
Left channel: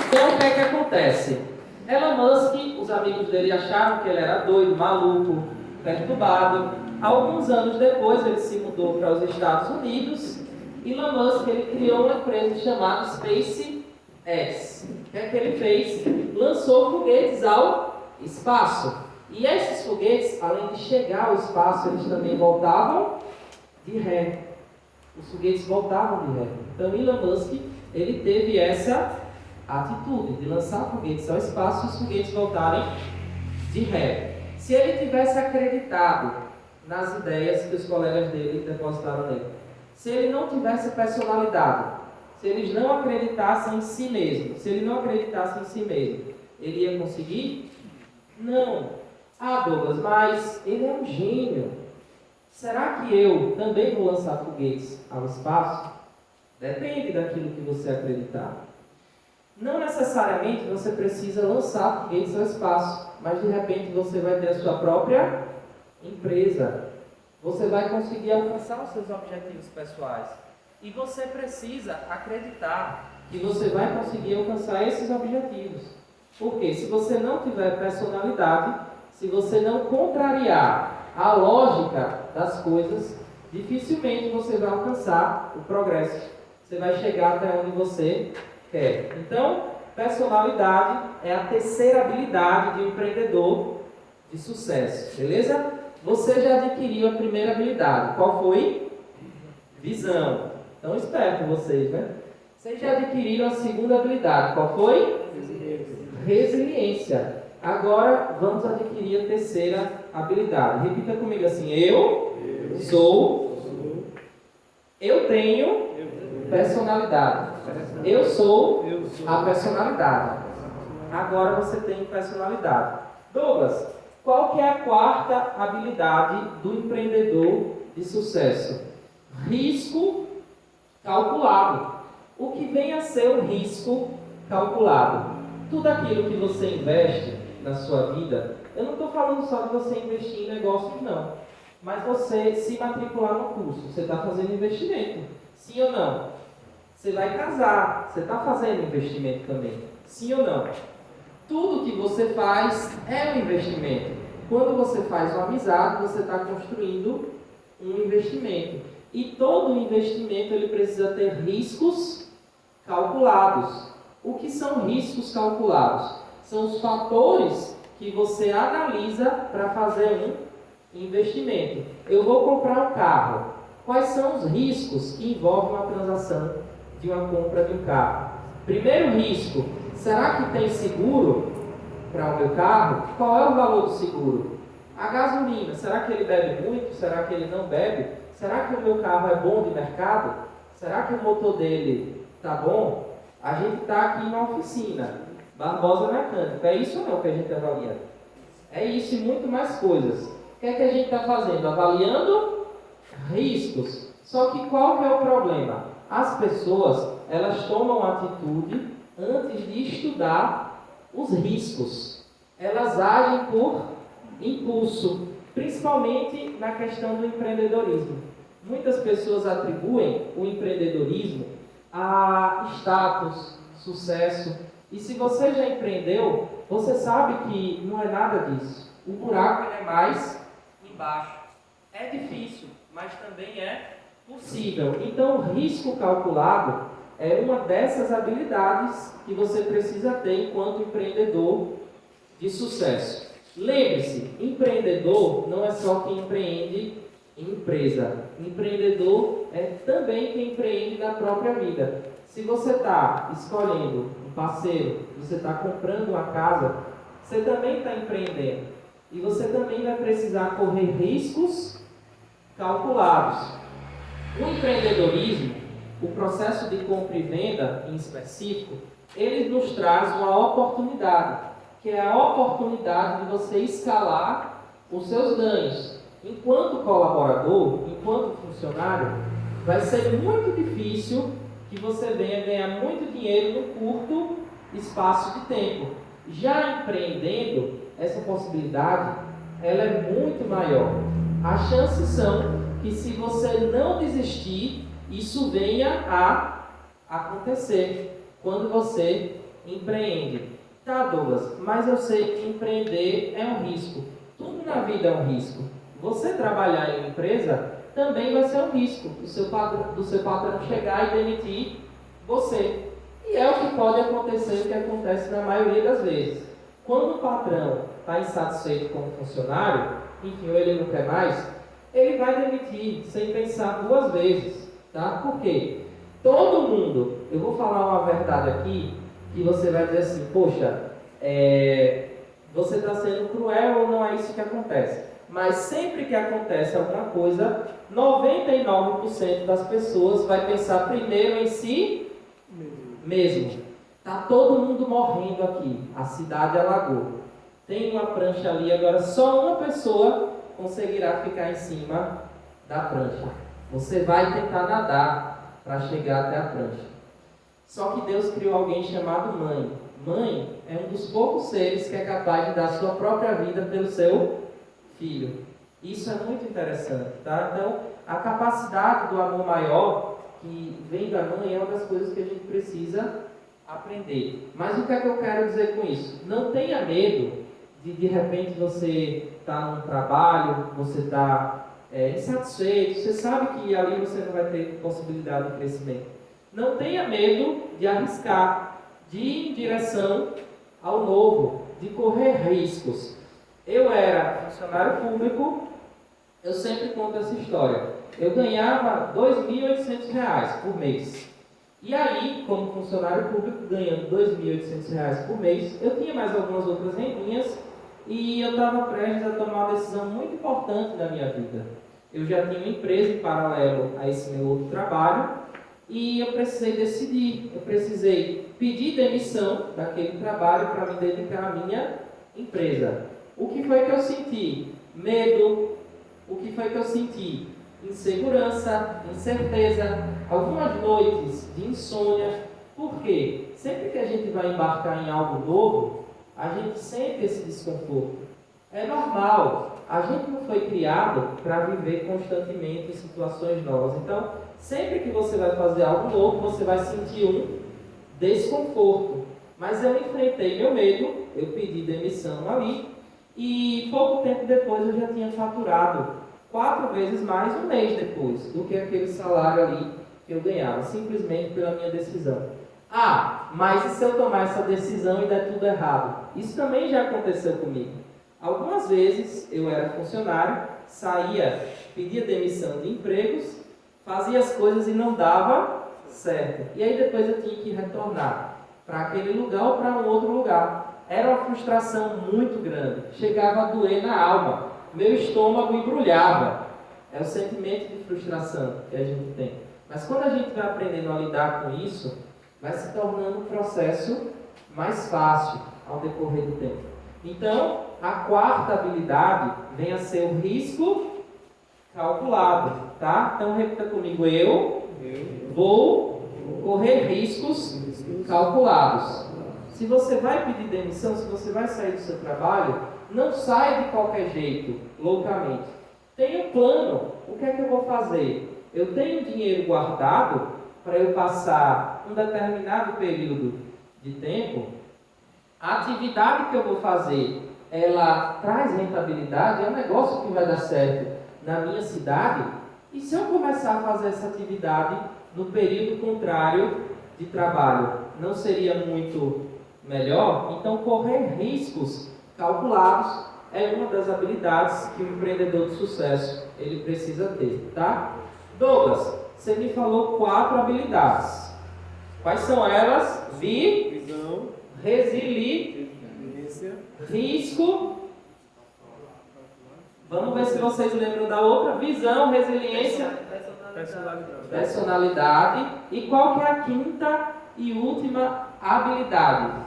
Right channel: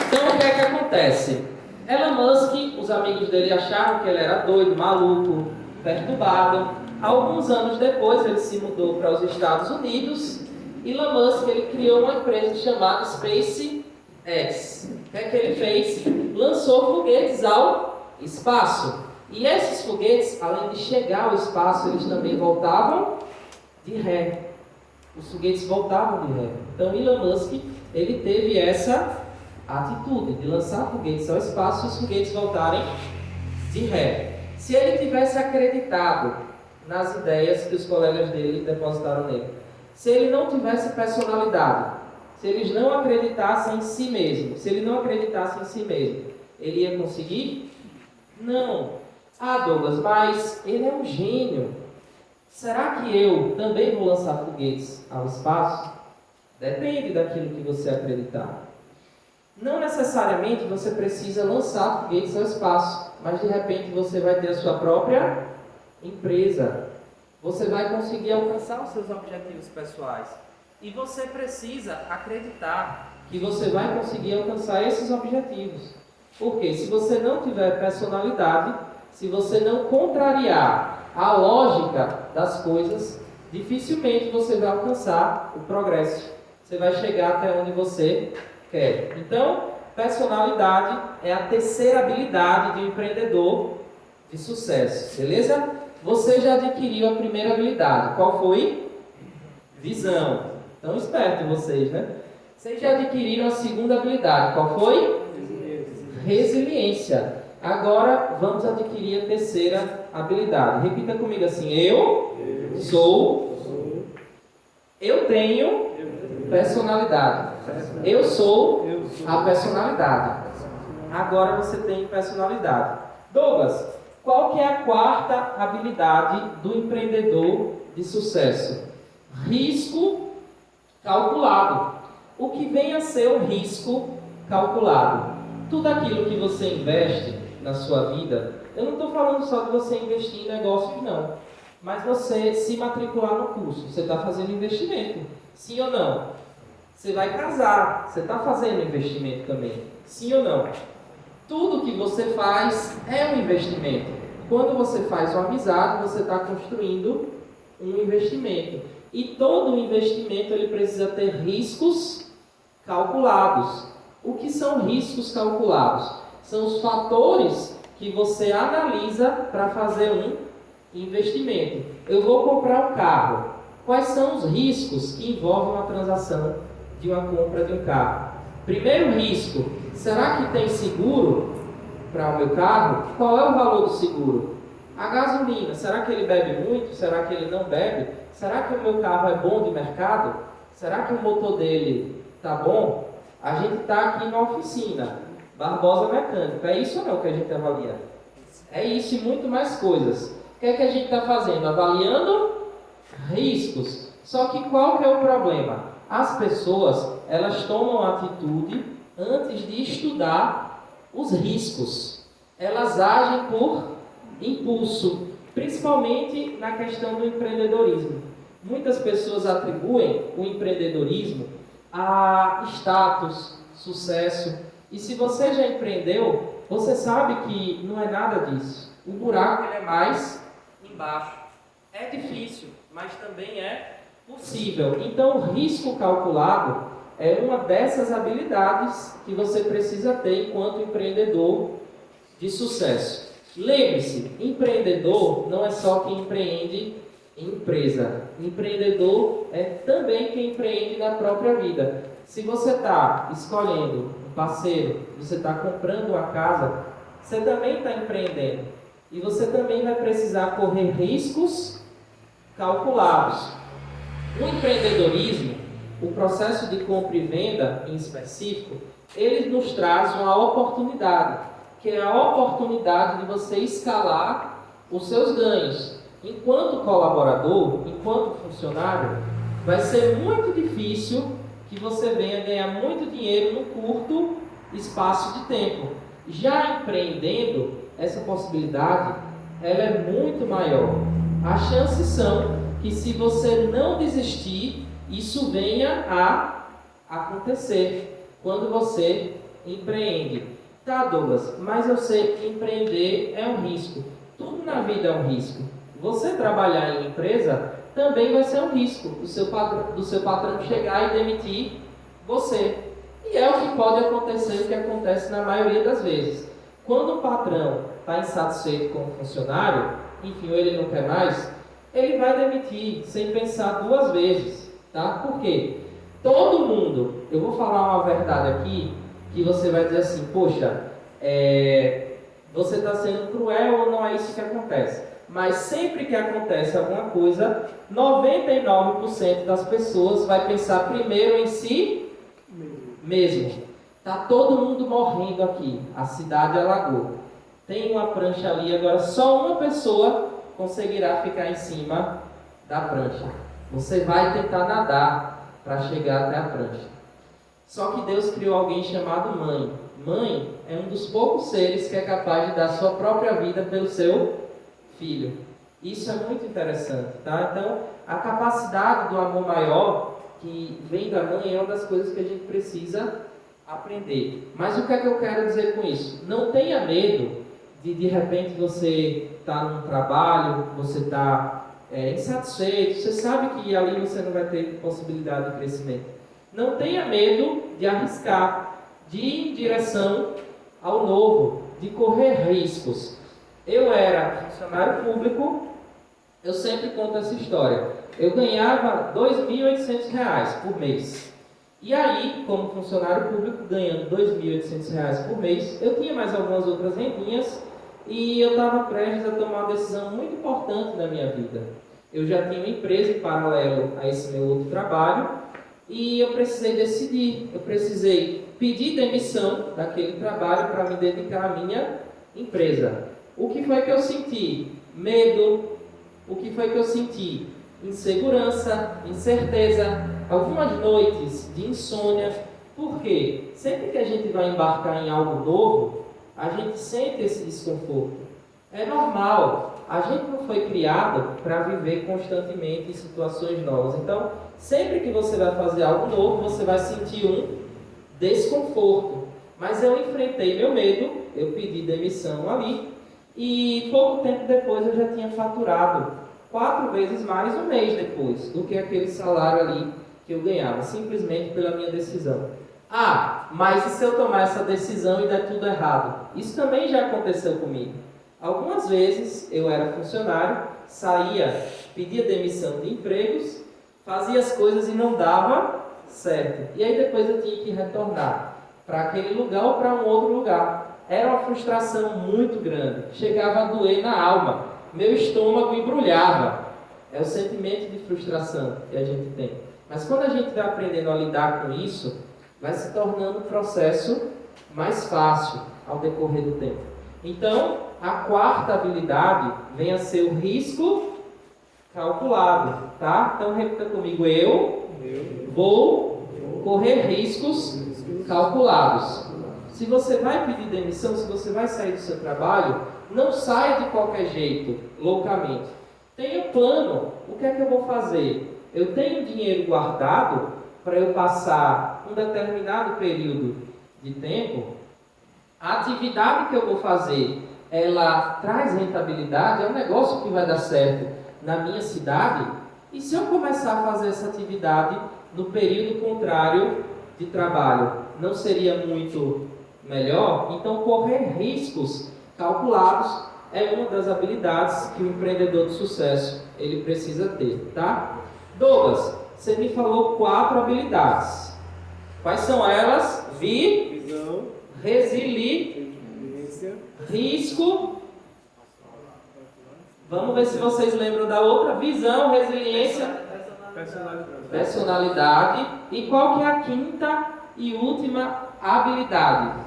Então o que é que acontece? Elon Musk, os amigos dele acharam que ele era doido, maluco, perturbado. Alguns anos depois ele se mudou para os Estados Unidos. Elon Musk ele criou uma empresa chamada SpaceX. O que é que ele fez? Lançou foguetes ao espaço. E esses foguetes, além de chegar ao espaço, eles também voltavam de ré. Os foguetes voltavam de ré. Então Elon Musk ele teve essa atitude de lançar foguetes ao espaço e os foguetes voltarem de ré. Se ele tivesse acreditado nas ideias que os colegas dele depositaram nele, se ele não tivesse personalidade, se eles não acreditassem em si mesmo, se ele não acreditasse em si mesmo, ele ia conseguir? Não. Ah, Douglas, mas ele é um gênio. Será que eu também vou lançar foguetes ao espaço? Depende daquilo que você acreditar. Não necessariamente você precisa lançar foguetes ao espaço, mas de repente você vai ter a sua própria empresa. Você vai conseguir alcançar os seus objetivos pessoais. E você precisa acreditar que você vai conseguir alcançar esses objetivos. Porque se você não tiver personalidade, se você não contrariar a lógica das coisas, dificilmente você vai alcançar o progresso. Você vai chegar até onde você quer. Então, personalidade é a terceira habilidade de um empreendedor de sucesso. Beleza? Você já adquiriu a primeira habilidade. Qual foi? Visão. Então, esperto vocês, né? Vocês já adquiriram a segunda habilidade. Qual foi? Resiliência. Agora vamos adquirir a terceira habilidade. Repita comigo assim: eu tenho personalidade. Eu sou a personalidade. Agora você tem personalidade. Douglas, qual que é a quarta habilidade do empreendedor de sucesso? Risco calculado. O que vem a ser um risco calculado? Tudo aquilo que você investe na sua vida, eu não estou falando só de você investir em negócios, não. Mas você se matricular no curso, você está fazendo investimento. Sim ou não? Você vai casar, você está fazendo investimento também. Sim ou não? Tudo que você faz é um investimento. Quando você faz uma amizade, você está construindo um investimento. E todo investimento ele precisa ter riscos calculados. O que são riscos calculados? São os fatores que você analisa para fazer um investimento. Eu vou comprar um carro. Quais são os riscos que envolvem uma transação de uma compra de um carro? Primeiro risco, será que tem seguro para o meu carro? Qual é o valor do seguro? A gasolina, será que ele bebe muito? Será que ele não bebe? Será que o meu carro é bom de mercado? Será que o motor dele está bom? A gente está aqui na oficina, Barbosa Mecânico. É isso ou não que a gente avalia? É isso e muito mais coisas. O que é que a gente está fazendo? Avaliando riscos. Só que qual que é o problema? As pessoas, elas tomam atitude antes de estudar os riscos. Elas agem por impulso, principalmente na questão do empreendedorismo. Muitas pessoas atribuem o empreendedorismo a status, sucesso. E se você já empreendeu, você sabe que não é nada disso. O buraco ele é mais embaixo. É difícil, mas também é possível. Então, o risco calculado é uma dessas habilidades que você precisa ter enquanto empreendedor de sucesso. Lembre-se, empreendedor não é só quem empreende em empresa. Empreendedor é também quem empreende na própria vida. Se você está escolhendo um parceiro, você está comprando uma casa, você também está empreendendo. E você também vai precisar correr riscos calculados. O empreendedorismo, o processo de compra e venda em específico, ele nos traz uma oportunidade, que é a oportunidade de você escalar os seus ganhos. Enquanto colaborador, enquanto funcionário, vai ser muito difícil que você venha ganhar muito dinheiro num curto espaço de tempo. Já empreendendo, essa possibilidade ela é muito maior. As chances são que se você não desistir, isso venha a acontecer quando você empreende. Tá, Douglas, mas eu sei que empreender é um risco. Tudo na vida é um risco. Você trabalhar em uma empresa também vai ser um risco do seu patrão chegar e demitir você. E é o que pode acontecer, o que acontece na maioria das vezes. Quando o patrão está insatisfeito com o funcionário, enfim, ou ele não quer mais, ele vai demitir sem pensar duas vezes. Tá? Por quê? Todo mundo, eu vou falar uma verdade aqui, que você vai dizer assim, poxa, você está sendo cruel ou não é isso que acontece? Mas sempre que acontece alguma coisa, 99% das pessoas vai pensar primeiro em si mesmo. Está todo mundo morrendo aqui, a cidade alagou. Tem uma prancha ali, agora só uma pessoa conseguirá ficar em cima da prancha. Você vai tentar nadar para chegar até a prancha. Só que Deus criou alguém chamado mãe. Mãe é um dos poucos seres que é capaz de dar sua própria vida pelo seu filho. Isso é muito interessante, tá? Então, a capacidade do amor maior que vem da mãe é uma das coisas que a gente precisa aprender. Mas o que é que eu quero dizer com isso? Não tenha medo de repente você está num trabalho, você está insatisfeito, você sabe que ali você não vai ter possibilidade de crescimento. Não tenha medo de arriscar, de ir em direção ao novo, de correr riscos. Eu era funcionário público, eu sempre conto essa história. Eu ganhava R$ 2.800 por mês. E aí, como funcionário público, ganhando R$ 2.800 por mês, eu tinha mais algumas outras rendinhas e eu estava prestes a tomar uma decisão muito importante na minha vida. Eu já tinha uma empresa em paralelo a esse meu outro trabalho e eu precisei decidir, eu precisei pedir demissão daquele trabalho para me dedicar à minha empresa. O que foi que eu senti? Medo. O que foi que eu senti? Insegurança, incerteza, algumas noites de insônia. Por quê? Sempre que a gente vai embarcar em algo novo, a gente sente esse desconforto. É normal. A gente não foi criado para viver constantemente em situações novas. Então, sempre que você vai fazer algo novo, você vai sentir um desconforto. Mas eu enfrentei meu medo, eu pedi demissão ali, e pouco tempo depois eu já tinha faturado 4 vezes mais um mês depois do que aquele salário ali que eu ganhava, simplesmente pela minha decisão. Ah, mas e se eu tomar essa decisão e der tudo errado? Isso também já aconteceu comigo. Algumas vezes eu era funcionário, saía, pedia demissão de empregos, fazia as coisas e não dava certo. E aí depois eu tinha que retornar para aquele lugar ou para um outro lugar. Era uma frustração muito grande, chegava a doer na alma, meu estômago embrulhava. É o sentimento de frustração que a gente tem. Mas quando a gente vai aprendendo a lidar com isso, vai se tornando um processo mais fácil ao decorrer do tempo. Então, a quarta habilidade vem a ser o risco calculado, tá? Então, repita comigo, eu vou correr riscos calculados. Se você vai pedir demissão, se você vai sair do seu trabalho, não saia de qualquer jeito, loucamente. Tenha um plano. O que é que eu vou fazer? Eu tenho dinheiro guardado para eu passar um determinado período de tempo. A atividade que eu vou fazer, ela traz rentabilidade, é um negócio que vai dar certo na minha cidade. E se eu começar a fazer essa atividade no período contrário de trabalho, não seria muito melhor? Então, correr riscos calculados é uma das habilidades que o empreendedor de sucesso ele precisa ter, tá? Douglas, você me falou 4 habilidades. Quais são elas? Visão, resiliência, risco. Vamos ver se vocês lembram da outra. Visão, resiliência, personalidade. E qual que é a quinta e última habilidade?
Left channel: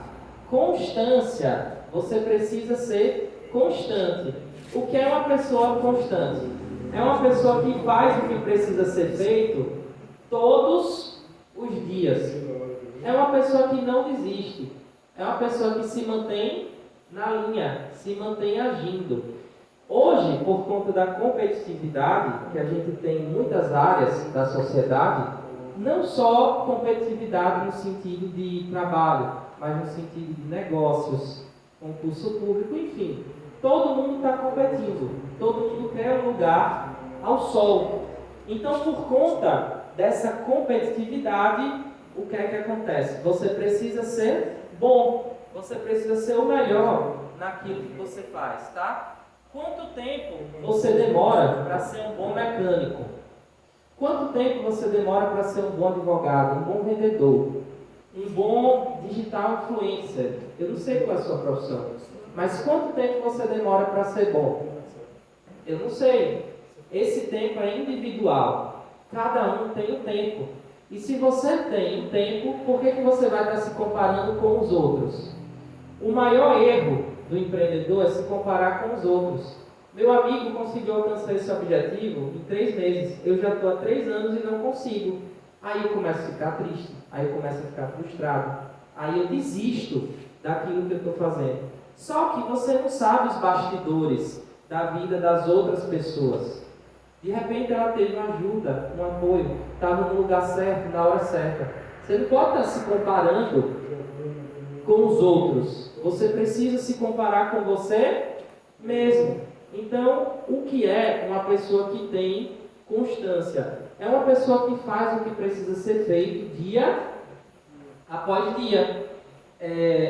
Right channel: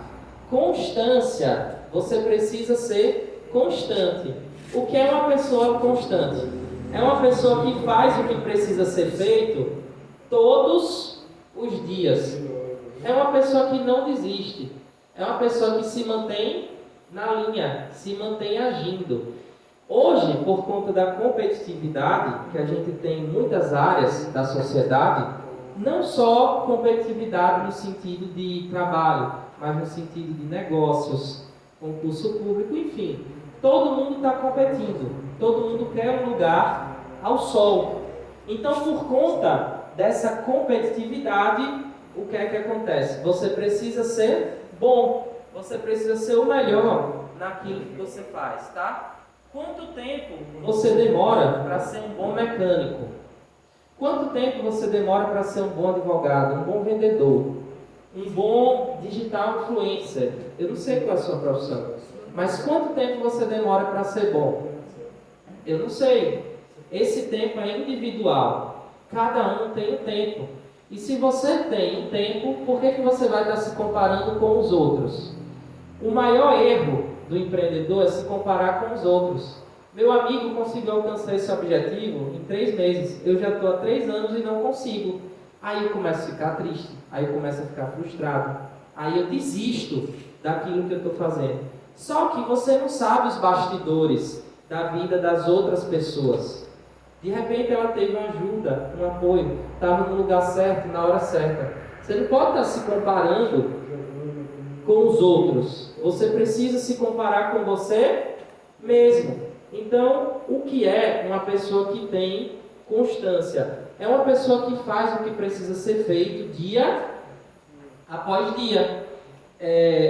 Constância. Você precisa ser constante. O que é uma pessoa constante? É uma pessoa que faz o que precisa ser feito todos os dias. É uma pessoa que não desiste. É uma pessoa que se mantém na linha, se mantém agindo. Hoje, por conta da competitividade que a gente tem em muitas áreas da sociedade, não só competitividade no sentido de trabalho, mas no sentido de negócios, concurso público, enfim. Todo mundo está competindo, todo mundo quer um lugar ao sol. Então, por conta dessa competitividade, o que é que acontece? Você precisa ser bom, você precisa ser o melhor naquilo que você faz, tá? Quanto tempo você demora para ser um bom mecânico? Quanto tempo você demora para ser um bom advogado, um bom vendedor, um bom digital influencer? Eu não sei qual é a sua profissão, mas quanto tempo você demora para ser bom? Eu não sei. Esse tempo é individual. Cada um tem um tempo. E se você tem um tempo, por que você vai estar se comparando com os outros? O maior erro do empreendedor é se comparar com os outros. Meu amigo conseguiu alcançar esse objetivo em 3 meses. Eu já estou há 3 anos e não consigo. Aí eu começo a ficar triste. Aí eu começo a ficar frustrado. Aí eu desisto daquilo que eu estou fazendo. Só que você não sabe os bastidores da vida das outras pessoas. De repente ela teve uma ajuda, um apoio, estava no lugar certo, na hora certa. Você não pode estar se comparando com os outros. Você precisa se comparar com você mesmo. Então, o que é uma pessoa que tem constância? É uma pessoa que faz o que precisa ser feito dia após dia.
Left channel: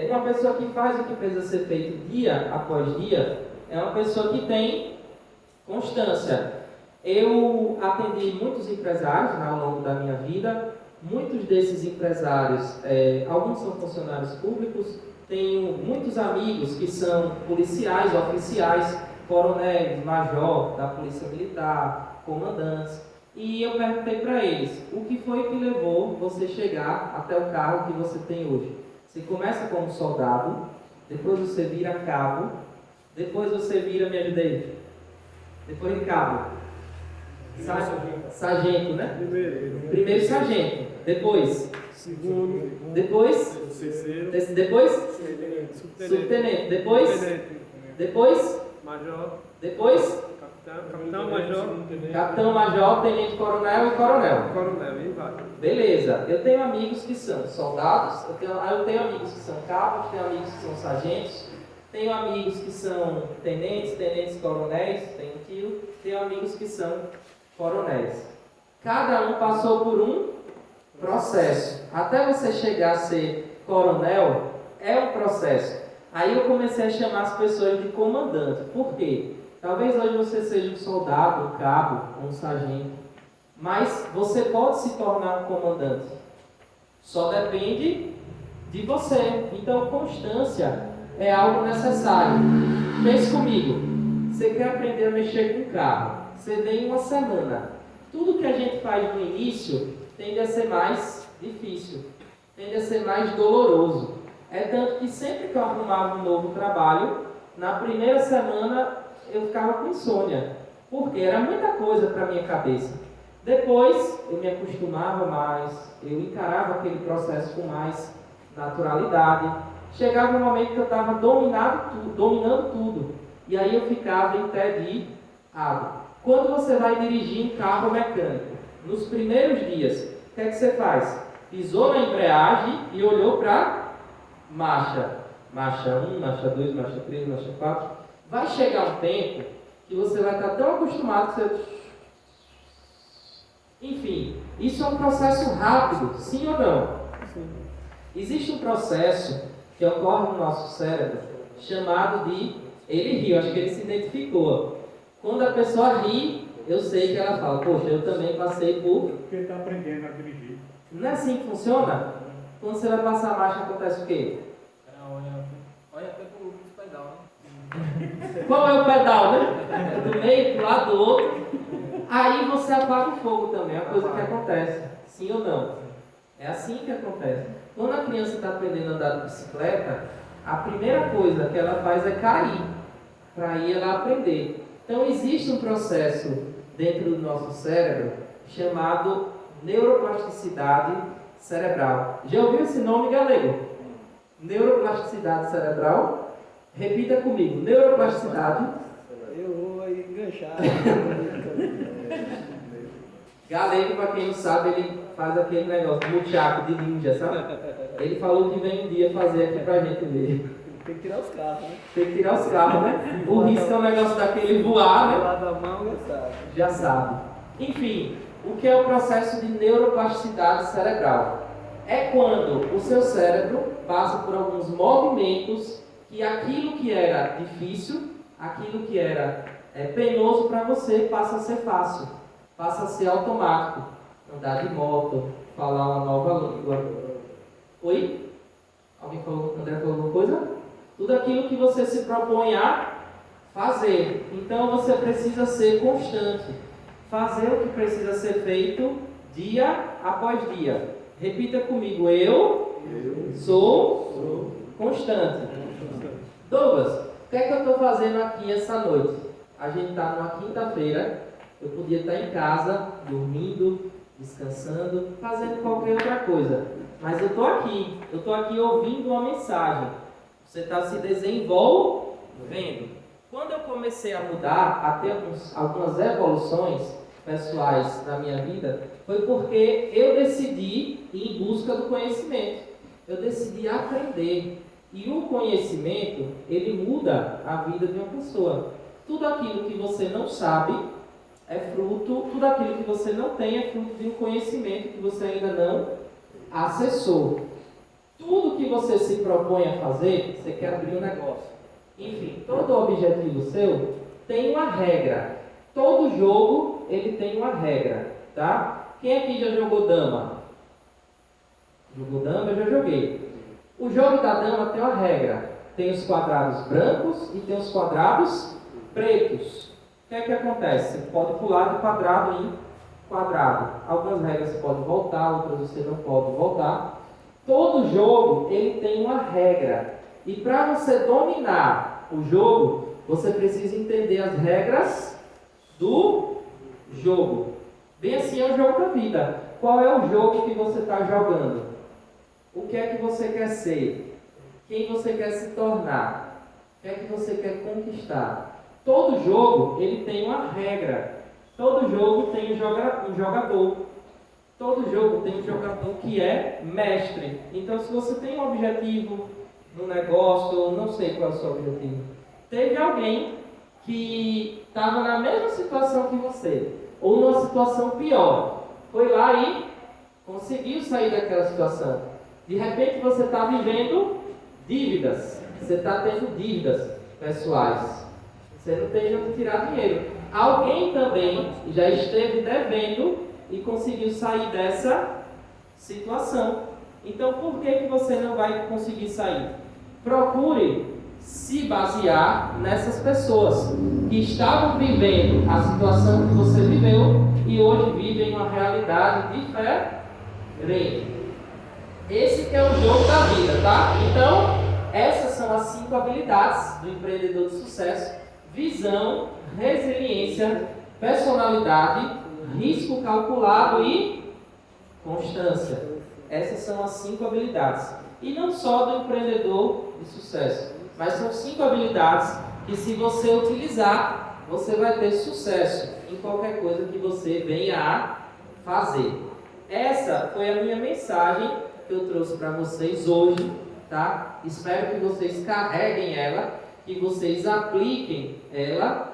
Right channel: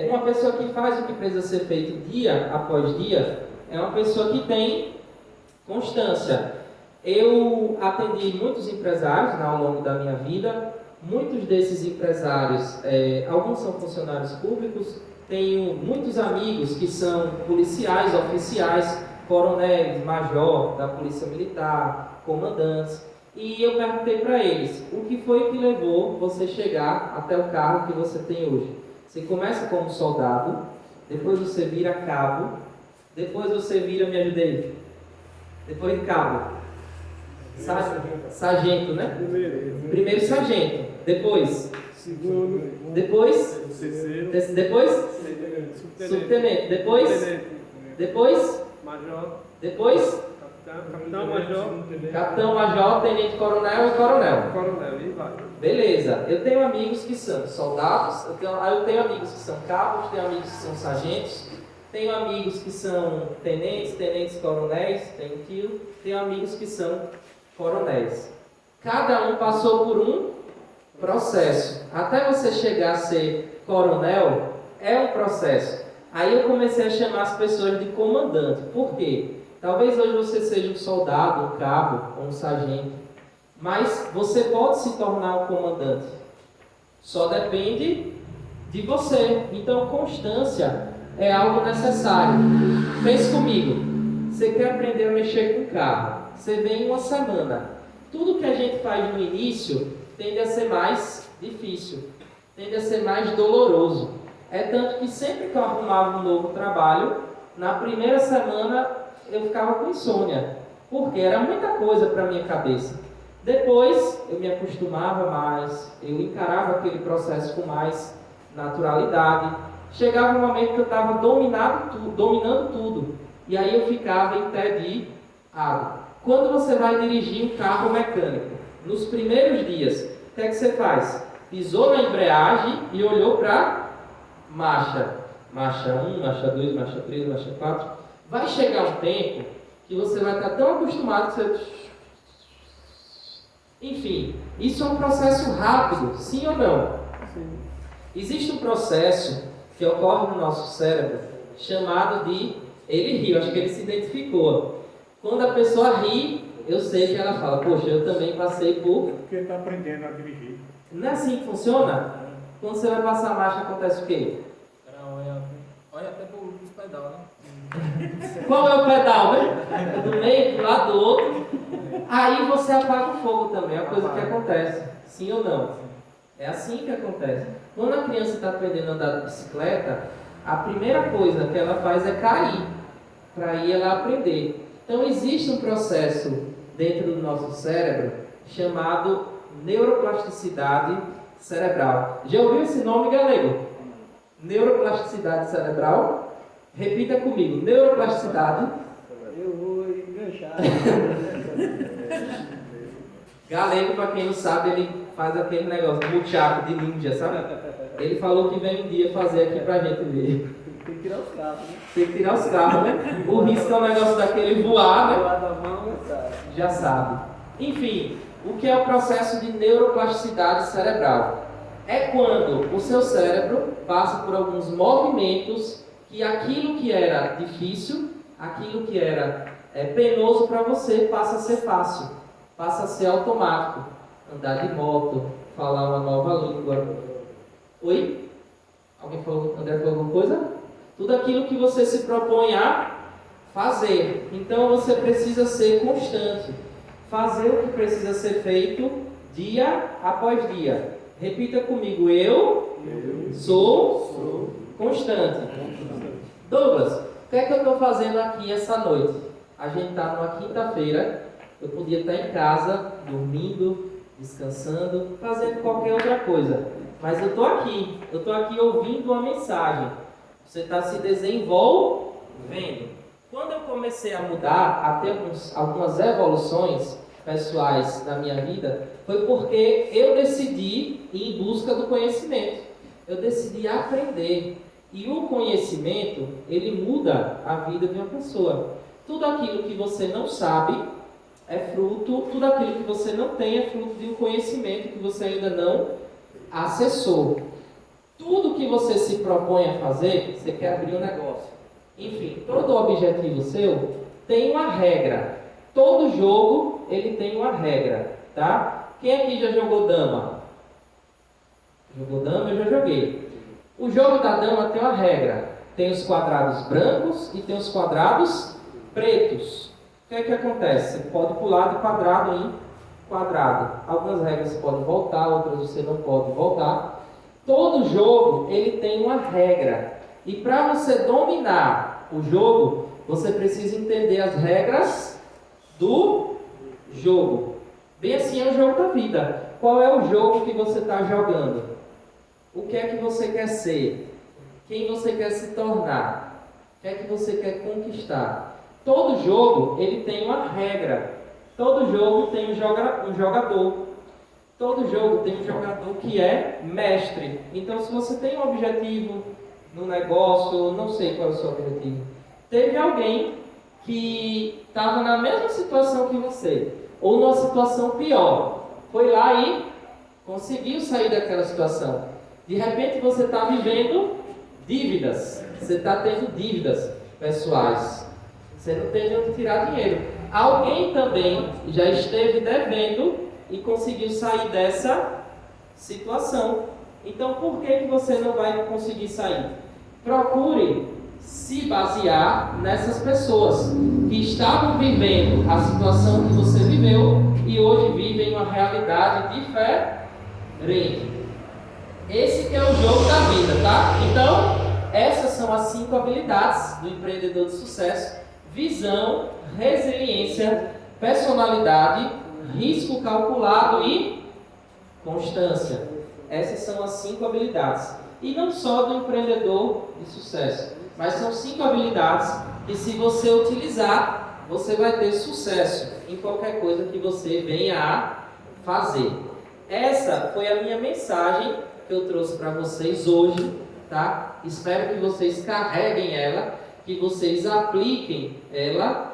Uma pessoa que faz o que precisa ser feito dia após dia é uma pessoa que tem constância. Eu atendi muitos empresários ao longo da minha vida. Muitos desses empresários, alguns são funcionários públicos. Tenho muitos amigos que são policiais, oficiais, coronéis, major da Polícia Militar, comandantes. E eu perguntei para eles, o que foi que levou você chegar até o cargo que você tem hoje? Você começa como soldado, depois você vira cabo, depois você vira, me ajudei, depois de cabo, sargento, né? Primeiro sargento, depois Segundo, depois terceiro, depois subtenente, depois major, depois capitão, major, capitão-major, tenente-coronel e coronel. coronel, e vai. Beleza, eu tenho amigos que são soldados, eu tenho amigos que são cabos, tenho amigos que são sargentos, tenho amigos que são tenentes-coronéis, tenho tio, tenho amigos que são coronéis. Cada um passou por um processo. Até você chegar a ser coronel, é um processo. Aí eu comecei a chamar as pessoas de comandante. Por quê? Talvez hoje você seja um soldado, um cabo ou um sargento, mas você pode se tornar um comandante. Só depende de você. Então, constância é algo necessário. Pense comigo. Você quer aprender a mexer com carro? Você vem uma semana. Tudo que a gente faz no início tende a ser mais difícil, tende a ser mais doloroso. É tanto que sempre que eu arrumava um novo trabalho, na primeira semana eu ficava com insônia, porque era muita coisa para a minha cabeça. Depois eu me acostumava mais, eu encarava aquele processo com mais naturalidade. Chegava um momento que eu estava dominando tudo, e aí eu ficava entediado. Quando você vai dirigir um carro mecânico, nos primeiros dias, o que é que você faz? Pisou na embreagem e olhou para marcha. Marcha 1, marcha 2, marcha 3, marcha 4. Vai chegar um tempo que você vai estar tão acostumado que você... Enfim, isso é um processo rápido, sim ou não? Sim. Existe um processo que ocorre no nosso cérebro chamado de... Ele riu, acho que ele se identificou. Quando a pessoa ri, eu sei que ela fala, poxa, eu também passei por... Porque ele está aprendendo a dirigir. Não é assim que funciona? Quando você vai passar a marcha, acontece o quê? Olha até pro pedal, né? Qual é o pedal, né? Do meio, do lado do outro. Aí você apaga o fogo também, é uma coisa que acontece. Sim ou não? É assim que acontece. Quando a criança está aprendendo a andar de bicicleta, a primeira coisa que ela faz é cair, para aí ela aprender. Então existe um processo dentro do nosso cérebro chamado neuroplasticidade cerebral. Já ouviu esse nome, galego? Neuroplasticidade cerebral? Repita comigo, neuroplasticidade. Eu vou enganchar. Galego, para quem não sabe, ele faz aquele negócio, muchaco de ninja, sabe? Ele falou que vem um dia fazer aqui pra gente ver. Tem que tirar os carros, né? Tem que tirar os carros, né? O risco é um negócio daquele voar, né? Lá da mão, sabe? Já sabe. Enfim, o que é o processo de neuroplasticidade cerebral? É quando o seu cérebro passa por alguns movimentos que aquilo que era difícil, aquilo que era penoso para você, passa a ser fácil, passa a ser automático. Andar de moto, falar uma nova língua. Oi? Alguém falou, André falou alguma coisa? Tudo aquilo que você se propõe a fazer. Então você precisa ser constante. Fazer o que precisa ser feito dia após dia. Repita comigo, eu sou constante. Douglas, o que é que eu estou fazendo aqui essa noite? A gente está numa quinta-feira, eu podia estar em casa, dormindo, descansando, fazendo qualquer outra coisa. Mas eu estou aqui ouvindo uma mensagem. Você está se desenvolvendo. Quando eu comecei a mudar, a ter algumas evoluções pessoais na minha vida, foi porque eu decidi ir em busca do conhecimento. Eu decidi aprender. E o conhecimento, ele muda a vida de uma pessoa. Tudo aquilo que você não sabe é fruto, tudo aquilo que você não tem é fruto de um conhecimento que você ainda não acessou. Tudo que você se propõe a fazer, você quer abrir um negócio. Enfim, todo objetivo seu tem uma regra. Todo jogo ele tem uma regra, tá? Quem aqui já jogou dama? Jogou dama? Eu já joguei. O jogo da dama tem uma regra. Tem os quadrados brancos e tem os quadrados pretos. O que é que acontece? Você pode pular de quadrado em quadrado. Algumas regras você pode voltar, outras você não pode voltar. Todo jogo ele tem uma regra. E para você dominar o jogo, você precisa entender as regras do jogo. Bem assim é o jogo da vida. Qual é o jogo que você está jogando? O que é que você quer ser? Quem você quer se tornar? O que é que você quer conquistar? Todo jogo ele tem uma regra. Todo jogo tem um jogador. Todo jogo tem um jogador que é mestre. Então, se você tem um objetivo no negócio, não sei qual é o seu objetivo. Teve alguém que estava na mesma situação que você, ou numa situação pior. Foi lá e conseguiu sair daquela situação. De repente, você está vivendo dívidas. Você está tendo dívidas pessoais. Você não tem onde tirar dinheiro. Alguém também já esteve devendo e conseguiu sair dessa situação. Então, por que você não vai conseguir sair? Procure se basear nessas pessoas que estavam vivendo a situação que você viveu e hoje vivem uma realidade diferente. Esse que é o jogo da vida, tá? Então, essas são as 5 habilidades do empreendedor de sucesso: visão, resiliência, personalidade, risco calculado e constância. Essas são as 5 habilidades. E não só do empreendedor de sucesso, mas são 5 habilidades que, se você utilizar, você vai ter sucesso em qualquer coisa que você venha a fazer. Essa foi a minha mensagem que eu trouxe para vocês hoje, tá? Espero que vocês carreguem ela, que vocês apliquem ela.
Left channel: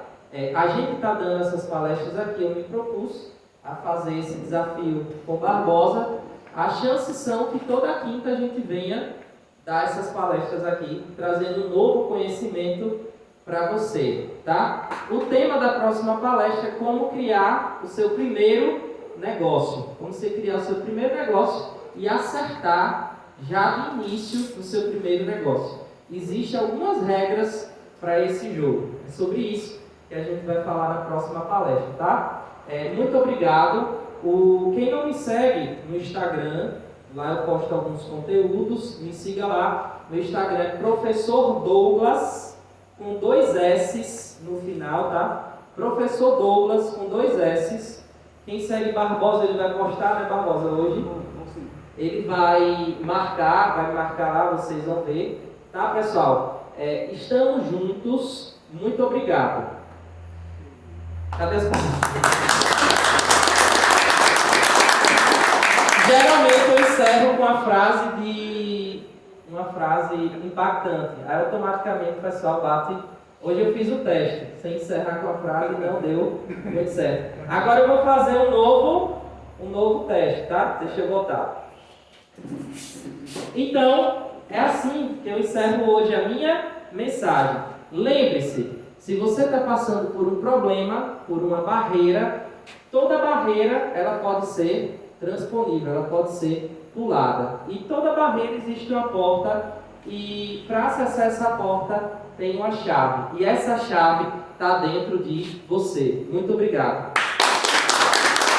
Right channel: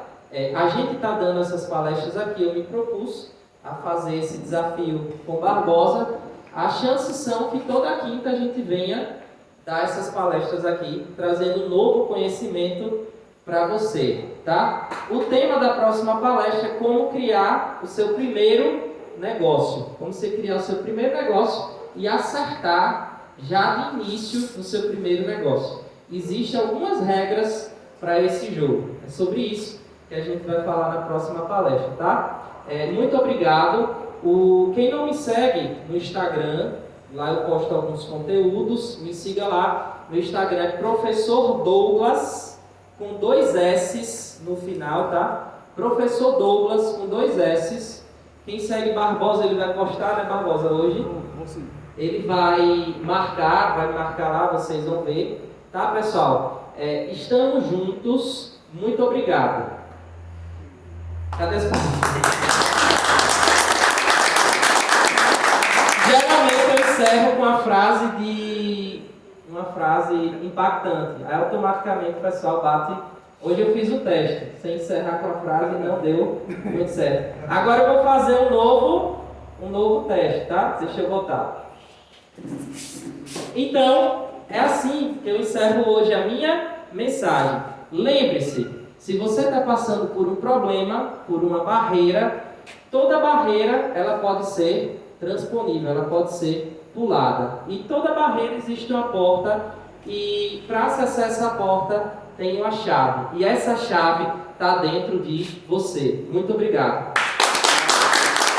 A gente está dando essas palestras aqui, eu me propus a fazer esse desafio com Barbosa. As chances são que toda quinta a gente venha dar essas palestras aqui, trazendo um novo conhecimento para você, tá? O tema da próxima palestra é como criar o seu primeiro negócio. Como você criar o seu primeiro negócio e acertar já de início no seu primeiro negócio. Existem algumas regras para esse jogo. É sobre isso que a gente vai falar na próxima palestra, tá? Muito obrigado. Quem não me segue no Instagram, lá eu posto alguns conteúdos, me siga lá. Meu Instagram é Professor Douglas, com 2 S's no final, tá? Professor Douglas, com 2 S's. Quem segue Barbosa, ele vai postar, né, Barbosa, hoje? Ele vai marcar lá, vocês vão ver. Tá, pessoal? Estamos juntos. Muito obrigado. Cadê as palmas? Geralmente eu encerro com uma frase impactante. Aí automaticamente o pessoal bate. Hoje eu fiz o teste, sem encerrar com a frase, não deu muito certo. Agora eu vou fazer um novo teste, tá? Deixa eu voltar. Então, é assim que eu encerro hoje a minha mensagem. Lembre-se, se você está passando por um problema, por uma barreira, toda barreira ela pode ser transponível, ela pode ser pulada. E toda barreira existe uma porta, e para acessar essa porta tem uma chave. E essa chave está dentro de você. Muito obrigado.